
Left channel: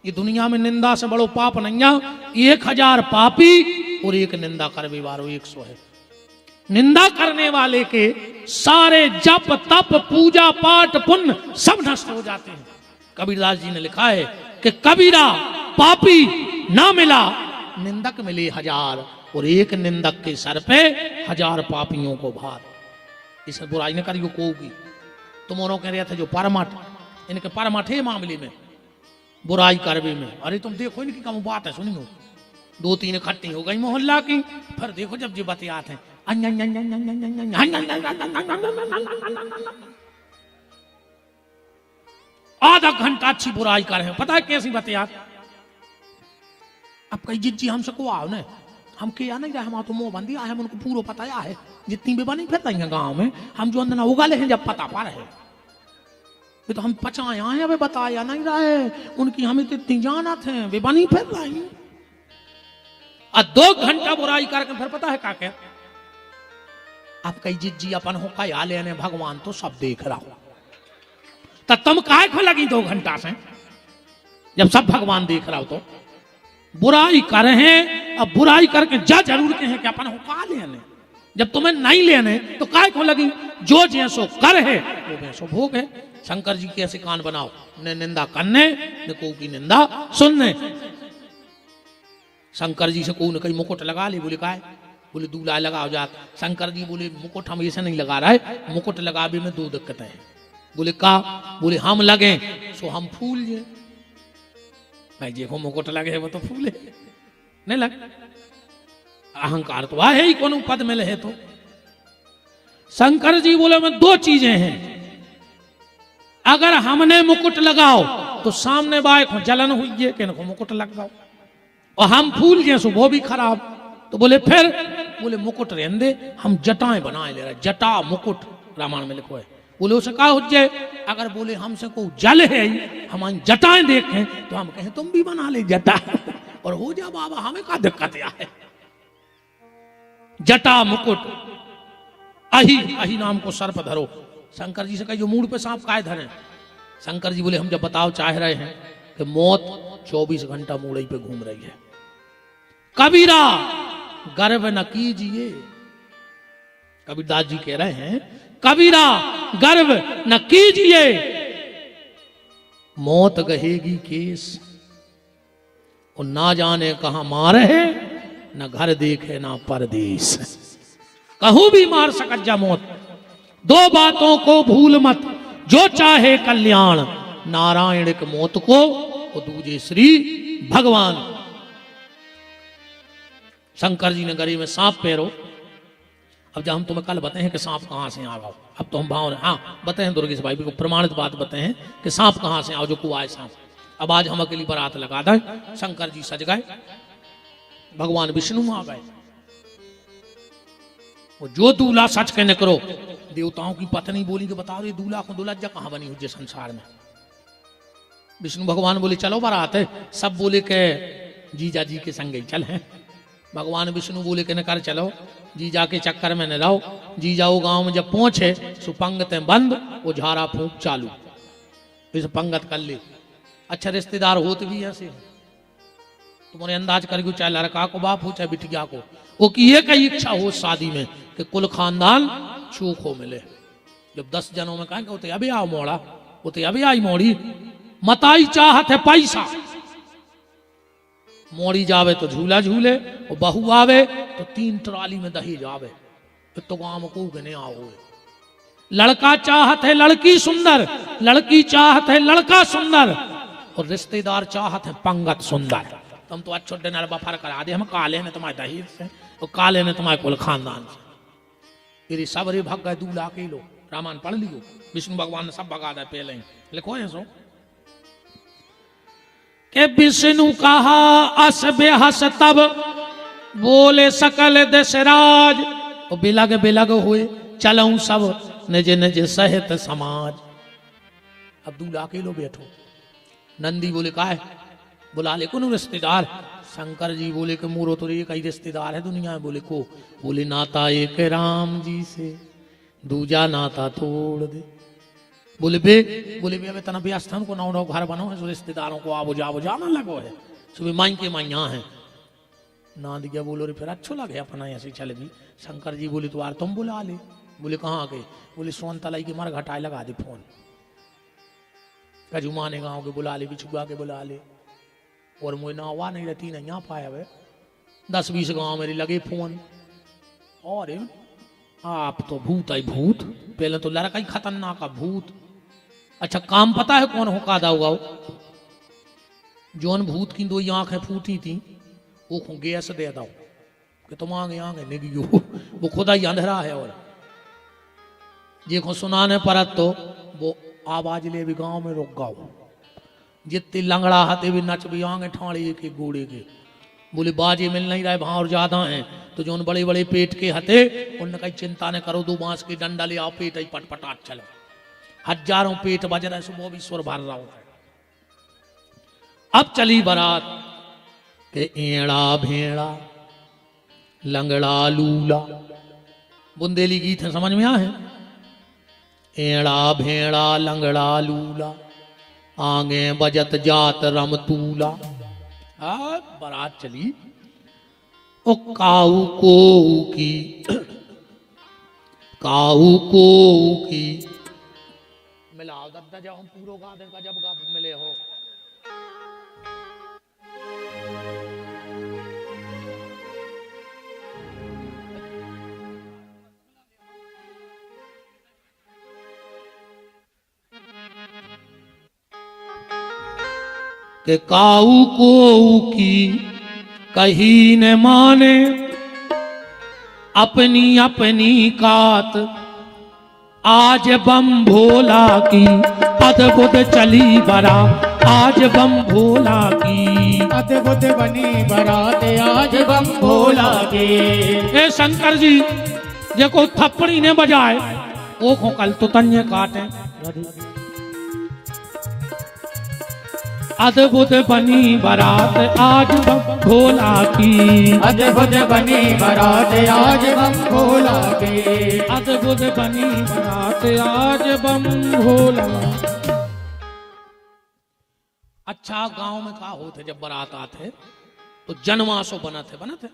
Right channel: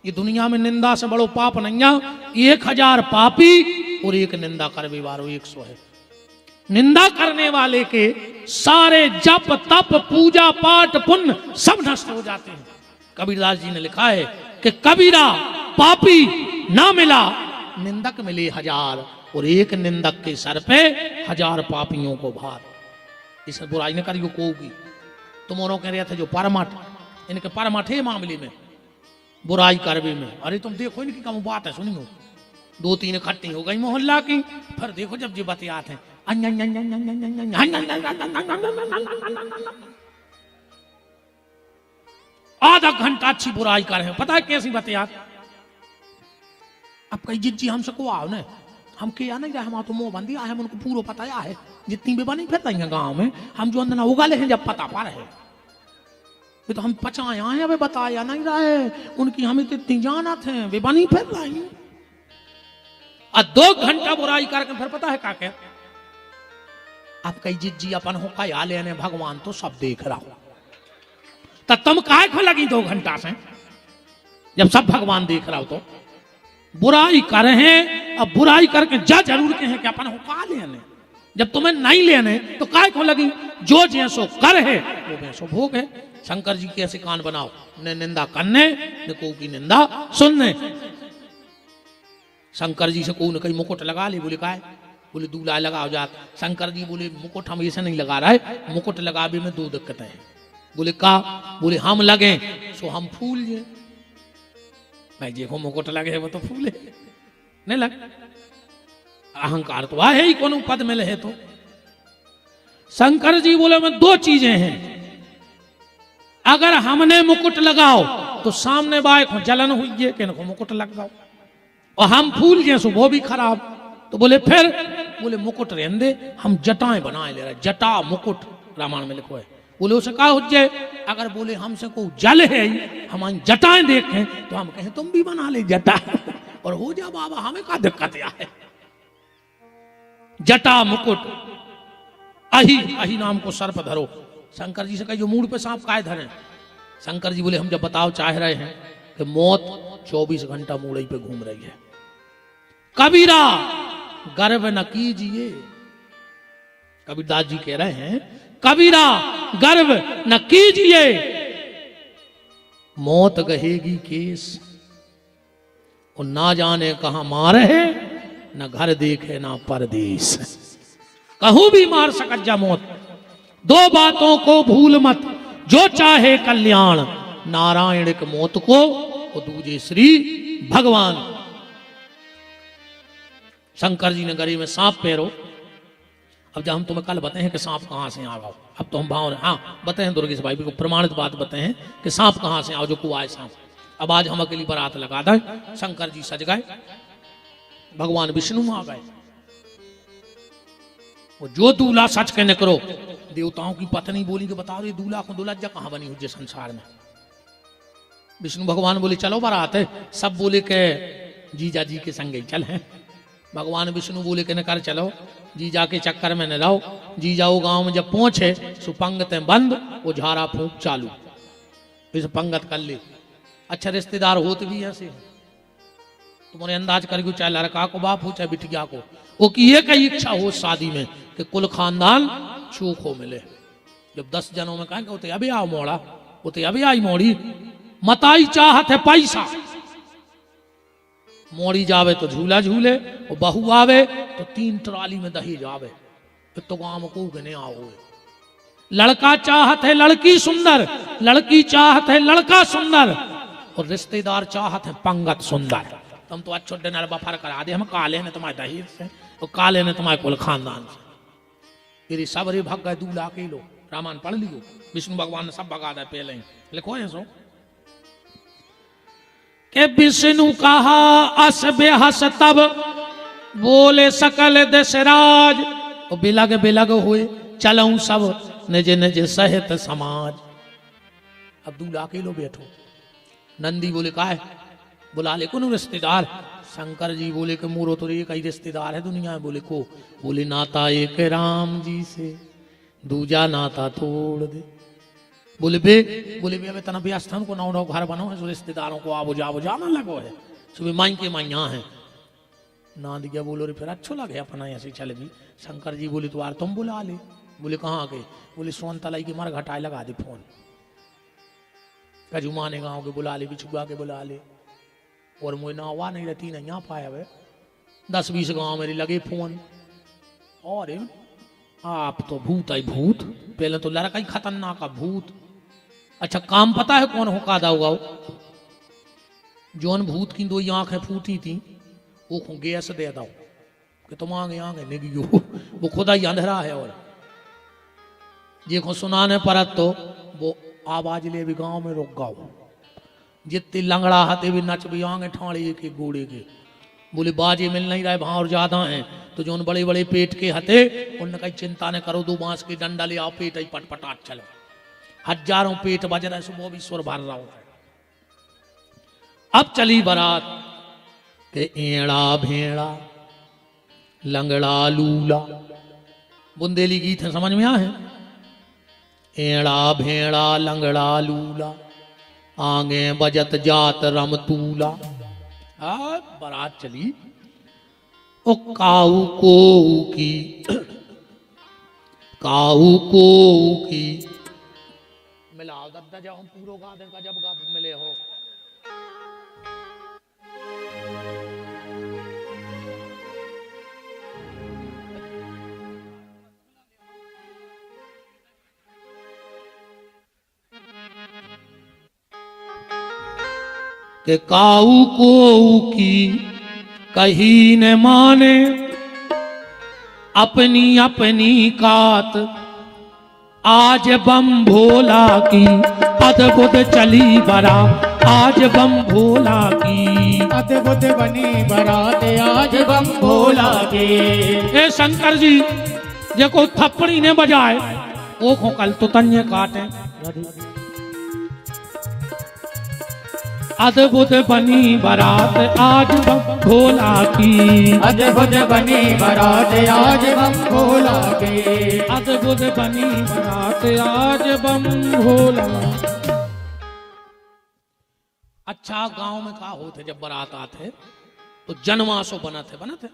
ये दुनिया में निंदा से बड़ो पाप नहीं है। 1000 पापी और एक निंदा करने वालों 100 है। निंदा करने वाले के सारे जप तप पूजा पाठ पुण्य सब नष्ट हो जाते हैं। कबीरदास जी ने लिखा है कि कबीरा पापी ना मिला, निंदक मिले 1000, और एक निंदक के सर पे 1000 पापियों को भार। इसे बुराई न करियो को भी। तुम और कह रहे थे जो परमठ, इनके परमठ है मामले में, बुराई करवे में। अरे तुम देखो इनकी कम बात है, सुनियो 2-3 इकट्ठी हो गई मोहल्ला की, फिर देखो जब जी बतियात है आधा घंटा अच्छी बुराई कर रहे हैं। पता है कैसी बतियात? अब कई जिज्जी हमसे को आओ ना, हम किया नहीं जाए, हम तो मुंह बंदी आए, हम उनको पूरा पता है, जितनी भी बनी फिरता है गांव में, हम जो अंदर उगाले हैं जब पता पा रहे हैं, तो हम पचाया है, वे बताया नहीं रहे, उनकी हमें तो इतनी जानत है, वे बनी फिर रही। और 2 घंटा बुराई करके फिर पता है क्या क्या? अब कई जिज्जी अपन हो क्या लेने, भगवान तो सब देख रहा हो, तो तुम काहे को लगी 2 घंटा से, जब सब भगवान देख रहा हो? तो बुराई कर हैं, अब बुराई करके जा जरूर के हैं कि अपन हो का लेने, जब तुम्हें नहीं लेने तो काहे को लगी? जो जैसो कर है वो वैसो भोग है। शंकर जी के ऐसे कान बनाओ, न निंदा करने न को की निंदा सुनने। शंकर जी से को न कहीं मुकुट लगा ले, बोले काहे? बोले दूल्हा लगाओ जात। शंकर जी बोले मुकुट हम ऐसे नहीं लगा रहे, मुकुट लगावे में 2 दिक्कतें हैं। बोले का? बोले हम लगे सो हम फूल जाए, नहीं देखो मुकुट लगे है वो तो फूल है, नहीं लग अहंकार तो है ही, कौन पद में लहे तो। शंकर जी बोले में 2 चीजें हैं, अगर हमने मुकुट लगाओ तो सामने बाय को जलन हुई है कि इनको मुकुट लग जाओ, और हम फूल गए सो वो भी खराब। तो बोले फिर? बोले मुकुट रहने दे, हम जटाएं बनाए ले रहे, जटा मुकुट रामायण में लिखो है। बोले उसे कहा हो जाए, अगर बोले हमसे को जल है हमारी जटाएं देखें तो हम कहें तुम भी बना ले जटा, और हो जा बाबा हमें क्या दिक्कत है। जटा मुकुट अही नाम को सर पर धरो। शंकर जी से कही जो मूड पे सांप काहे धरे? शंकर जी बोले हम जब बताओ चाह रहे हैं कि मौत 24 घंटा मूड़ई पे घूम रही है, कबीरा गर्व न कीजिए। कबीरदास जी कह रहे हैं कबीरा गर्व न कीजिए, मौत गहेगी केस, और ना जाने कहां मारे है, न घर देखे ना परदेश, कहूं भी मार सकत जा मौत। 2 बातों को भूल मत, जो चाहे कल्याण, नारायण के मौत को वो दूजे श्री भगवान। शंकर जी ने गरी में सांप पैरो। अब जब हम तुम्हें कल बताए हैं कि सांप कहां से आ गया, अब तो हम भाव हाँ बताए दुर्गेश भाई को प्रमाणित बात बताए हैं कि सांप कहां से आओ जो कुआ है सांप। अब आज हम अकेली बारात लगा दे, शंकर जी सज गए, भगवान विष्णु आ गए। वो जो दूल्हा सच कहने करो, देवताओं की पत्नी बोली कि बता रही दूल्हा को दुल्हज्जा कहां बनी हुई संसार में। विष्णु भगवान बोले चलो बारात है, सब बोले के जीजा जी के संग ही चल है। भगवान विष्णु बोले के न कर चलो, जीजा के चक्कर में न रहो। जीजा वो गांव में जब पहुंचे सो पंगतें बंद, वो झाड़ा फूंक चालू, इस पंगत कर ले। अच्छा रिश्तेदार होते भी ऐसे हो, तुम्हारे अंदाज करके चाहे लड़का को बाप हो चाहे बिटिया को, वो की एक ही इच्छा हो शादी में कि कुल खानदान चूक हो मिले। जब 10 जनों में कहेंगे वो तो अभी आओ मोड़ा, वो तो अभी आई मोड़ी, मताई चाहत है पैसा। मोड़ी जावे तो झूला झूले, और बहू आवे तो 3 ट्राली में दही जावे, तो गांव को गने आओ। लड़का चाहत है लड़की सुंदर, लड़की चाहत है लड़का सुंदर, और रिश्तेदार चाहत है पंगत सुंदर। तुम तो अच्छो डिनर बफर करा दे, हम काले ने तुम्हारे दही से, और काले ने तुम्हारे कुल खानदान से। फिर सबरे भग गए दूल्हा के लो। रामायण पढ़ लियो, विष्णु भगवान ने सब भगा दे पहले लिखो है सो के विष्णु कहा अस बेहस तब बोले सकल दशराज, और बिलग बिलग हुए चलऊं सब निज निज सहित समाज। अब दूल्हा के लो बैठो। नंदी बोले का है, बुला ले कौन रिश्तेदार। शंकर जी बोले कि मोरो तो एक ही रिश्तेदार है दुनिया में। बोले को, बोले नाता एक राम जी से दूजा नाता तोड़ दे। बोले बे अबे तना व्यस्त हमको ना घर बनो है, रिश्तेदारों को आबो जाबो जाना लगो है, सुबह माई के माई यहाँ है ना दिया। बोलो रे फिर अच्छा लगे अपना ऐसी चल गई। शंकर जी बोले तो यार तुम बुला ले। बोले कहाँ आ गए। बोले सोन तलाई के मर घटा लगा दे। फिर 10-20 गांव मेरी लगे फोन, आप तो भूत है भूत, पहले तो लड़का ही खतरनाक है भूत। अच्छा काम पता है कौन हो कादा होगा। जोन भूत की 2 आंखें फूटी थी वो गैस दे दो कि तुम आगे आगे निगी, वो खुदा ही अंधेरा है। और ये को सुनाने पर तो वो आवाज ले भी गांव में रुक गाओ, जितनी लंगड़ा हाथे भी नच भी आगे ठाड़ी के गोड़े के। बोले बाजे मिल नहीं रहे भाव ज्यादा है, तो जो बड़े बड़े पेट के हथे उनने कहीं चिंता न करो, 2 बांस के डंडा ले आओ, पेट ही पटपटा चल। हजारों पेट बज रहे सुबह भी सुर भर रहा हूं। अब चली बारात के एड़ा भेड़ा लंगड़ा लूला। बुंदेली गीत है, समझ में आए। एड़ा भेड़ा लंगड़ा लूला आगे बजत जात रमतूला। बारात चली ओ काऊ को की मिला गद्दा जब हम पूरो गा देगा जब गा मिले हो। के काऊ को की कही न माने अपनी अपनी कात, आज बम भोला की अद्भुत चली बारात, आज बम भोला की अद्भुत बनी बारात, आज बम भोला की। ये शंकर जी देखो थप्पड़ी ने बजाए ओ को कल तो तन्य काटे। अद्भुत बनी बारात आज बम भोला की, अद्भुत बनी बारात आज बम भोला की, अद्भुत बनी बारात आज बम भोला। अच्छा गांव में क्या होते जब बारात आते तो जनवासो बनाते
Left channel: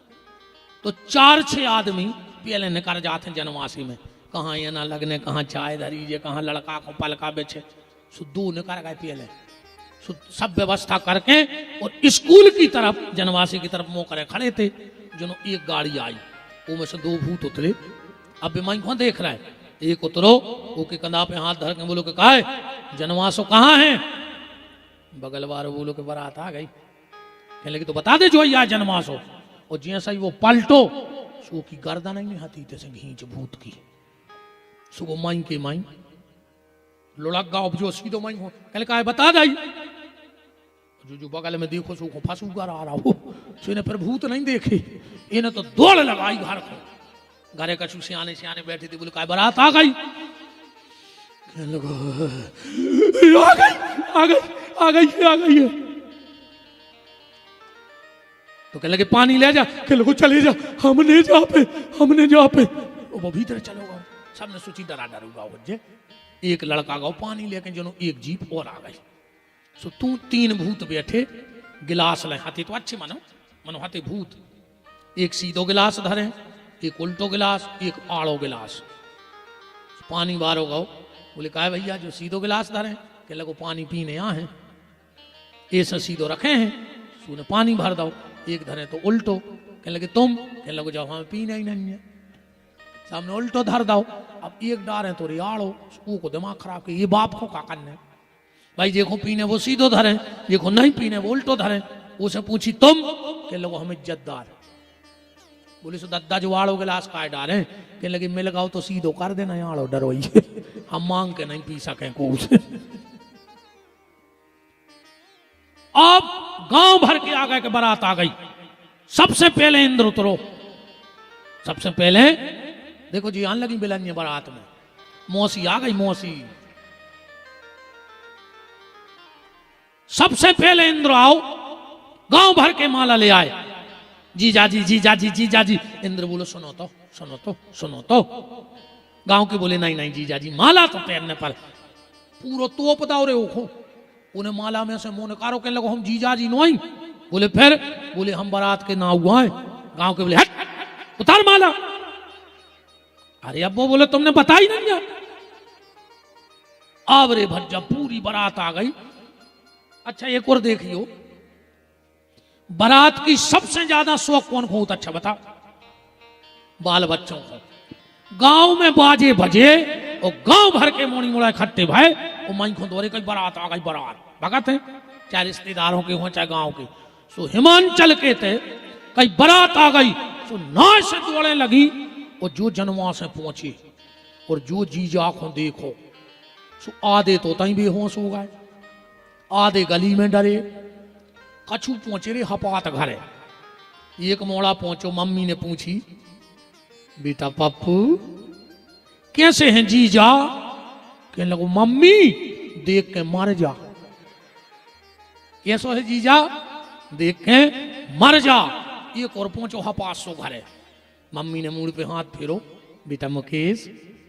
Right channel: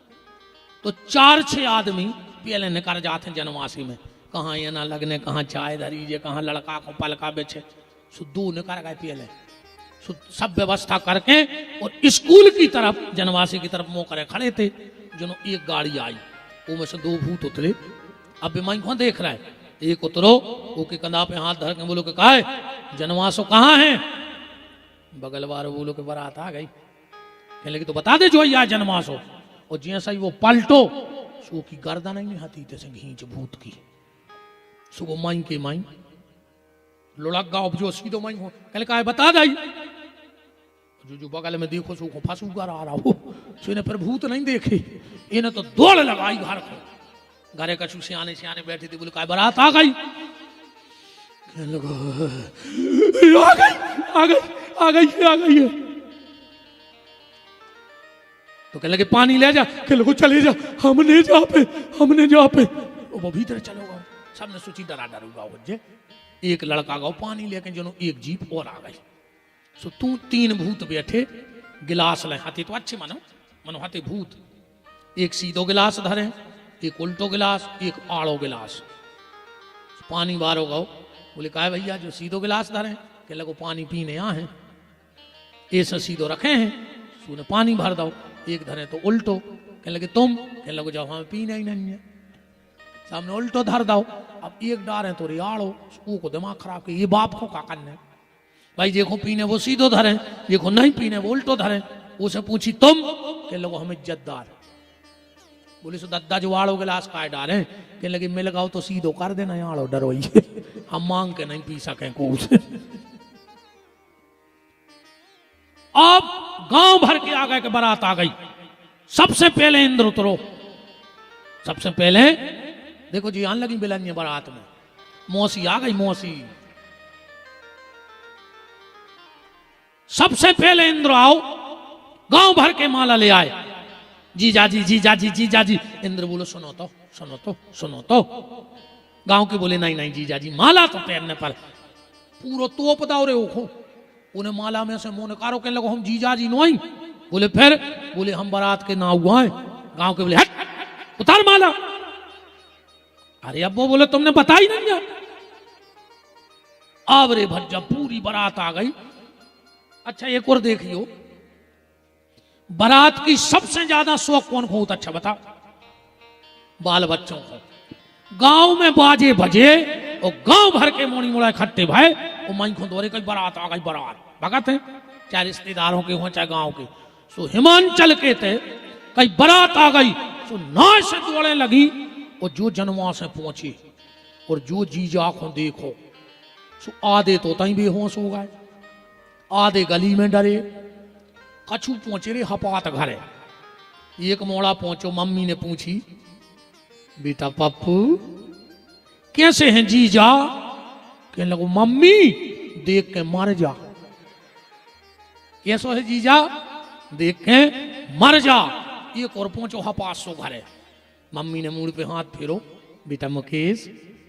तो 4-6 आदमी पहले निकल जाते जनवासी में, कहाँ ये ना लगने, कहाँ चाय धरीजे, कहाँ लड़का को पलका बेचे, दो निकल गए पहले। सब व्यवस्था करके और स्कूल की तरफ जनवासी की तरफ मुंह करे खड़े थे। जो एक गाड़ी आई वो में से 2 भूत उतरे। अब बेमाई को देख रहा है, एक उतरो, ओके कंधा पे हाथ धर के बोलो कि काहे जनवासो कहाँ है? बगल वाले बोलो कि बारात आ गई। कहने लगे तो बता दे जो यहाँ जनवासो। और जैसा ही वो पलटो, सू की गर्दन नहीं होती थे घींच भूत की सुबह माइन के माइन लुढ़क गाओ जो सीधो माइन कहले काहे बता जाई। जो बगल में देखो सू को फंसू कर आ रहा हो, सुने पर भूत नहीं देखे, ये ना तो दौड़ लगाई घर को। घरे का सियाने सियाने बैठे थे, बोले काय बारात आ गई। आ गई आ गई आ गई आ गई। तो कहने लगे पानी ले जा, कहने लगे चले जा, हमने जा पे वो भीतर चलो गो। सबने सोची डरा डरूगा बच्चे। एक लड़का गो पानी लेके जनो एक जीप और आ गई। सो तू तीन भूत बैठे गिलास ले हाथे, तो अच्छे मनो हाथे भूत। एक सीधो गिलास धरे, एक उल्टो गिलास, एक आड़ो गिलास। पानी बारो गो। बोले कहा भैया जो सीधो गिलास धरे, कहने लगो पानी पीने यहाँ है, ऐसा सीधो रखे हैं, सुने पानी भर दो। एक धरे तो उल्टो, कहने लगे तुम, कहने लगे जब हमें पीना ही नहीं है, सामने उल्टो धर दो। अब एक डार है तो रियाड़ो, को दिमाग खराब के ये बाप को का करना है भाई। देखो पीने वो सीधो धरे, देखो नहीं पीने वो उल्टो धरे। उसे पूछी तुम, कहने लगे हम इज्जतदार। बोले सो दद्दा जो आड़ो गिलास का डारे, कहने लगे मिल गाओ तो सीधो कर देना, आड़ो डरो हम मांग के नहीं पी सके कुछ। अब गांव भर के आ गए कि बारात आ गई। सबसे पहले इंद्र उतरो, सबसे पहले देखो जी आने लगी बिलनिय बारात में। मौसी आ गई, मौसी। सबसे पहले इंद्र आओ, गांव भर के माला ले आए। जीजा जी जीजा जी जीजा जी। इंद्र बोलो सुनो तो सुनो तो सुनो तो। गांव के बोले नहीं नहीं जीजा जी, माला तो पहनने पर पूरा तोप दाओ रे ओखो। उन्हें माला में से मुंह निकारो, कहने लगो हम जीजा जी नहीं। बोले फिर, बोले हम बारात के ना हुआ है। गांव के बोले हट उतार माला। अरे अब वो बोले तुमने बता ही नहीं है। अब रे भज्जा पूरी बारात आ गई। अच्छा एक और देख लियो, बारात की सबसे ज्यादा शौक कौन को होता? अच्छा बता, बाल बच्चों को। गांव में बाजे बजे और गांव भर के मोनी मोड़ा इकट्ठे भाई, और माई को दौरे कई बारात आ गई, बारात भगत है, चाहे रिश्तेदारों के हो चाहे गांव के। सो हिमांचल के थे कई बारात आ गई, सो नाव से दौड़े लगी। और जो जनवा से पहुंची और जो जीजा को देखो, सो आधे तो तई बेहोश हो गए, आधे गली में डरे। कछु पहुंचे रे हपात घरे। एक मोड़ा पहुंचो, मम्मी ने पूछी बेटा पप्पू कैसे हैं जीजा? कहने लगो मम्मी देख के मर जा। कैसो है जीजा? देख के मर जा। एक और पहुंचो हपास सो घरे। मम्मी ने मुड़ पे हाथ फेरो, बेटा मुकेश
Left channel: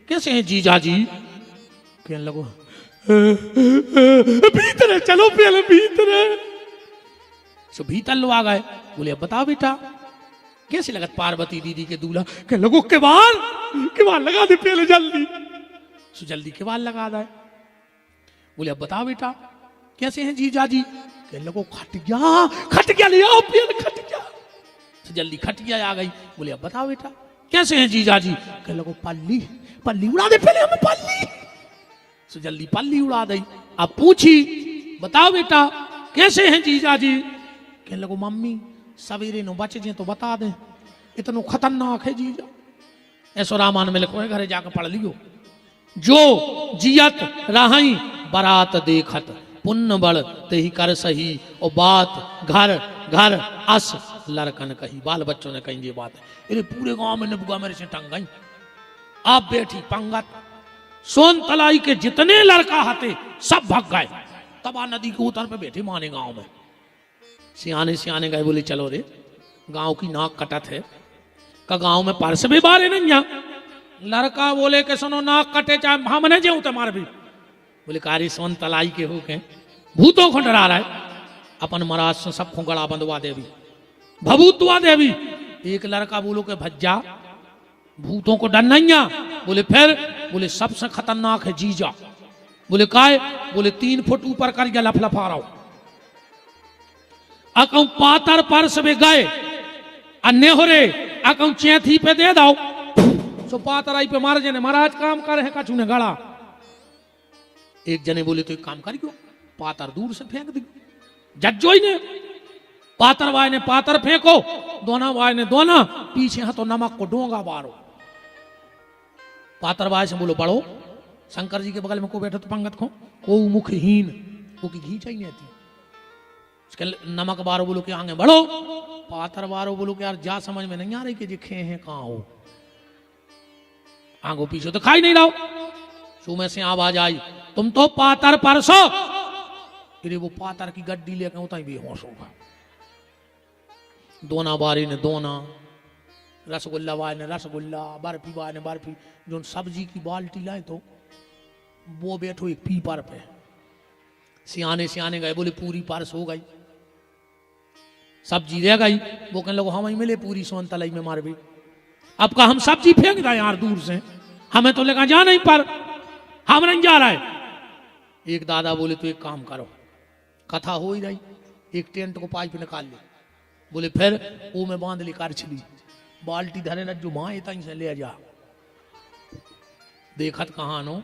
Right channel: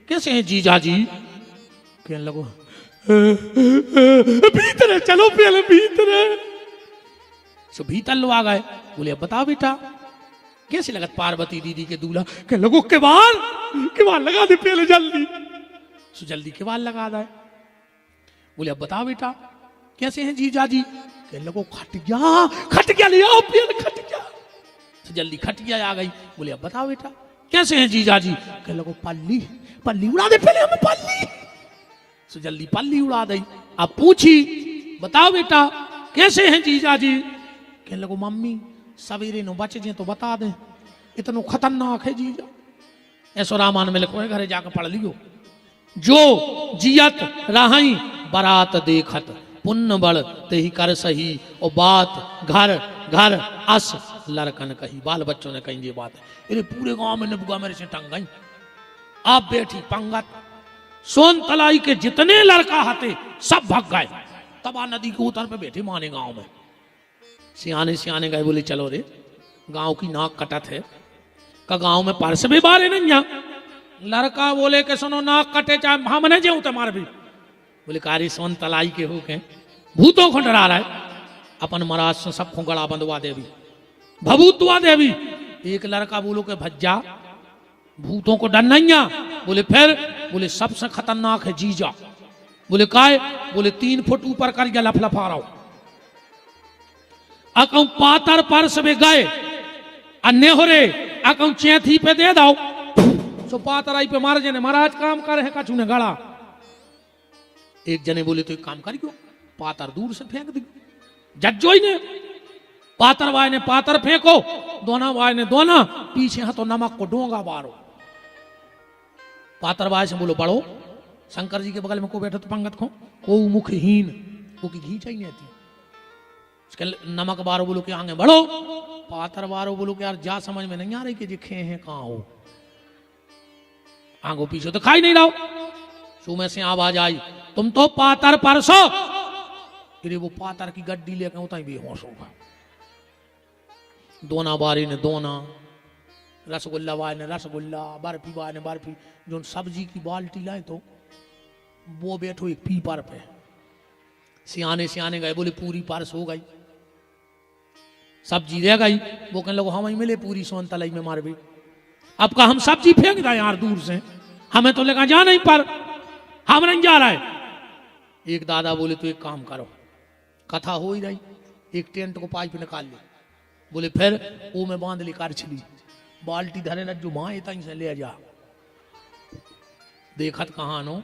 कैसे हैं जीजा जी? कहने लगो भीतर चलो पहले भीतर। सो भीतर लो आ गए। बोले अब बताओ बेटा कैसे लगत पार्वती दीदी के दूल्हा? कहने लगो किवाड़ लगा दे पहले जल्दी। सो जल्दी किवाड़ लगा दे। बोले अब बताओ बेटा कैसे हैं जीजा जी? कहने लगो खटिया ले आओ पहले खटिया। जल्दी खटिया आ गई। बोले अब बताओ बेटा कैसे हैं जीजा जी? कहने लगो पल्ली उड़ा दे पहले हमें पल्ली। सो जल्दी पल्ली उड़ा दी। अब पूछी बताओ बेटा कैसे हैं जीजा जी? कहने लगो मम्मी सवेरे नो बच जे तो बता दे, इतनो खतरनाक है जीजा। ऐसो रामायण में लिखो है, घरे जाकर पढ़ लियो। जो जियत रही बारात देखत, पुण्य बड़ ते ही कर सही, और बात घर घर अस लड़कन कही। बाल बच्चों ने कही ये बात है। अरे पूरे गांव में नबुआ मेरे से टंग गई। आप बैठी पंगत, सोन तलाई के जितने लड़का हते सब भग गए। तबा नदी के उतर पे बैठे माने गांव में। सियाने गए, बोले चलो रे गांव की नाक कटत है का गांव में परस भी बारे नहीं जा। लड़का बोले के सुनो नाक कटे चाहे हमने जो तुम्हारे भी। बोले कारी सोन तलाई के हो के भूतों को डरा रहा है। अपन महाराज से सबको गड़ा बंधवा देवी, भभूतवा देवी। एक लड़का बोलो के भज्जा भूतों को डर नहीं आ। बोले फिर? बोले सबसे खतरनाक है जीजा। बोले काय? बोले 3 फुट ऊपर कर गया लफलफा रहा हूं। अकौ पातर परस में गए अन्य हो रे, अकौ चैथी पे दे दो सो पातराई पे मार जने महाराज काम करे है कछु ने गड़ा। एक जने बोले तो एक काम कर क्यों पातर दूर से फेंक दी। जज्जो ही ने पातर वाय ने पातर फेंको, दोना वाय ने दोना, पीछे हाथों नमक को डोंगा बारो। पातर वाय से बोलो बड़ो, शंकर जी के बगल में को बैठो तो पंगत को मुखहीन को की घी चाहिए थी। इसके नमक बारो बोलो कि आगे बढ़ो, पातर बारो बोलो कि यार जा समझ में नहीं आ रही कि जी खे हैं कहाँ हो, आगो पीछे तो खाई नहीं रहो। सो में से आवाज आई तुम तो पातर परसो। फिर वो पातर की गड्डी लेकर उतना ही बेहोश होगा। दोना बारी ने दोना, रसगुल्ला वाले ने रसगुल्ला, बर्फी वाले ने बर्फी। जो सब्जी की बाल्टी लाए तो वो बैठो एक पीपर पे, सियाने सियाने गए बोले पूरी पारस हो गई, सब्जी रह गई। वो कहने लगे हम ही मिले पूरी सोन तलाई में मार भी। अब का हम सब्जी फेंक रहे यार दूर से, हमें तो लेकर जा नहीं पर हम नहीं जा रहे। एक दादा बोले तो एक काम करो, कथा हो ही रही, एक टेंट को पाइप निकाल लो, बोले फिर वो में बांध ली कारछली, बाल्टी धरे न जो माँ इतना से ले जाए। देखत कहाँ नो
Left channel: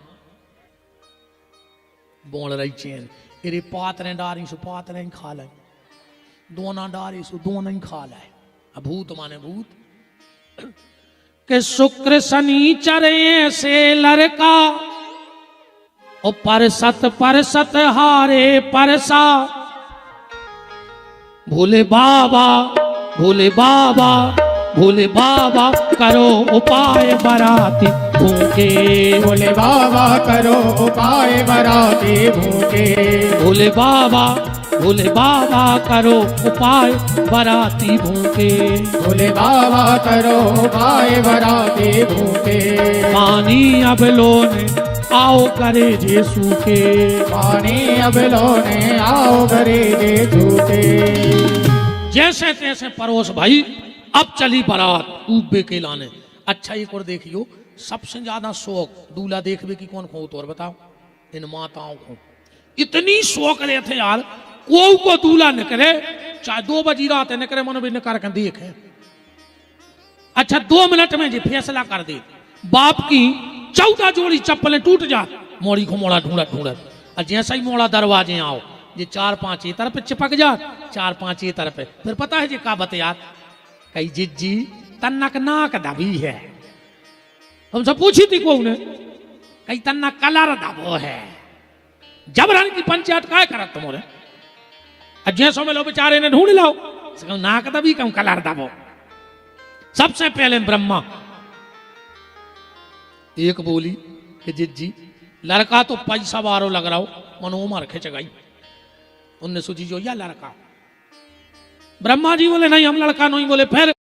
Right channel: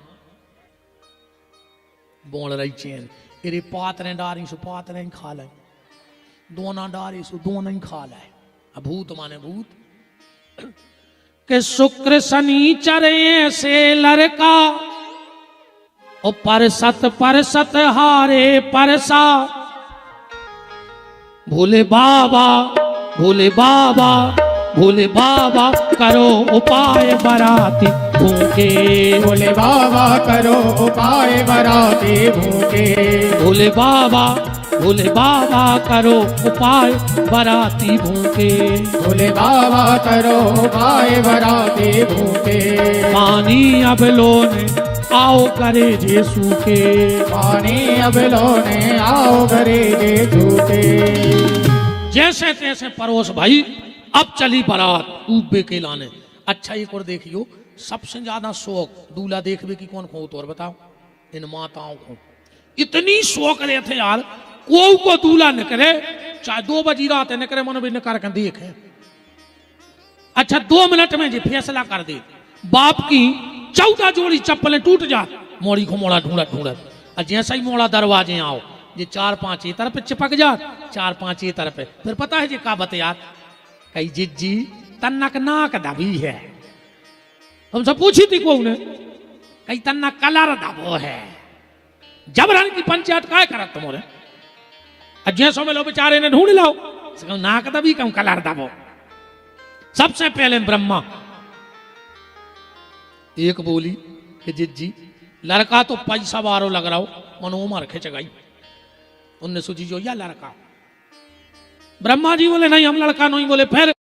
बोल रही चैन तेरे पातरें डारी सो पातरें खा ले, दोना डारी सो दोना ही खा ले। भूत माने भूत के शुक्र शनिचर से लड़का ओ परसत हारे परसा। भोले बाबा भोले बाबा भोले बाबा करो उपाय बराती भूखे। भोले बाबा करो उपाय बराती भूखे। भोले बाबा करो उपाय बराती भूखे। भोले बाबा करो उपाय बराती भूखे। पानी अब लोने आओ करे जे सूखे। पानी अब लोने आओ करे जे सूखे। जैसे तैसे परोस भाई अब चली बारात ऊबे के लाने। अच्छा एक और देखियो, सबसे ज्यादा शौक दूल्हा देखने की कौन को और बताओ, इन माताओं को इतनी शौक रहे थे यार, को दूल्हा न करे, चाहे 2 बजी रात न करे, मन भी न कर देखे। अच्छा 2 मिनट में जी फैसला कर दे, बाप की 14 जोड़ी चप्पलें टूट जा, मोड़ी को मोड़ा ढूंढत ढूंढत, जैसा ही मोड़ा दरवाजे आओ, ये 4-5 ये तरफ चिपक जा, 4-5 ये तरफ। फिर पता है जी का बतिया, कई जिज्जी तन्नक नाक दबी है, हमसे पूछी थी को ने, कई तन्ना कलर दबो है। जबरन की पंचायत काय करत तुम्हारे, जैसो में लो बेचारे ने ढूंढ लाओ, नाक दबी कम कलर दबो। सबसे पहले ब्रह्मा एक बोली कि जिज्जी लड़का तो पैसा बारो लग रहा हो, मनोमर खिंच गई, उनने सोची जो या लड़का। ब्रह्मा जी बोले नहीं हम लड़का नहीं, बोले फिर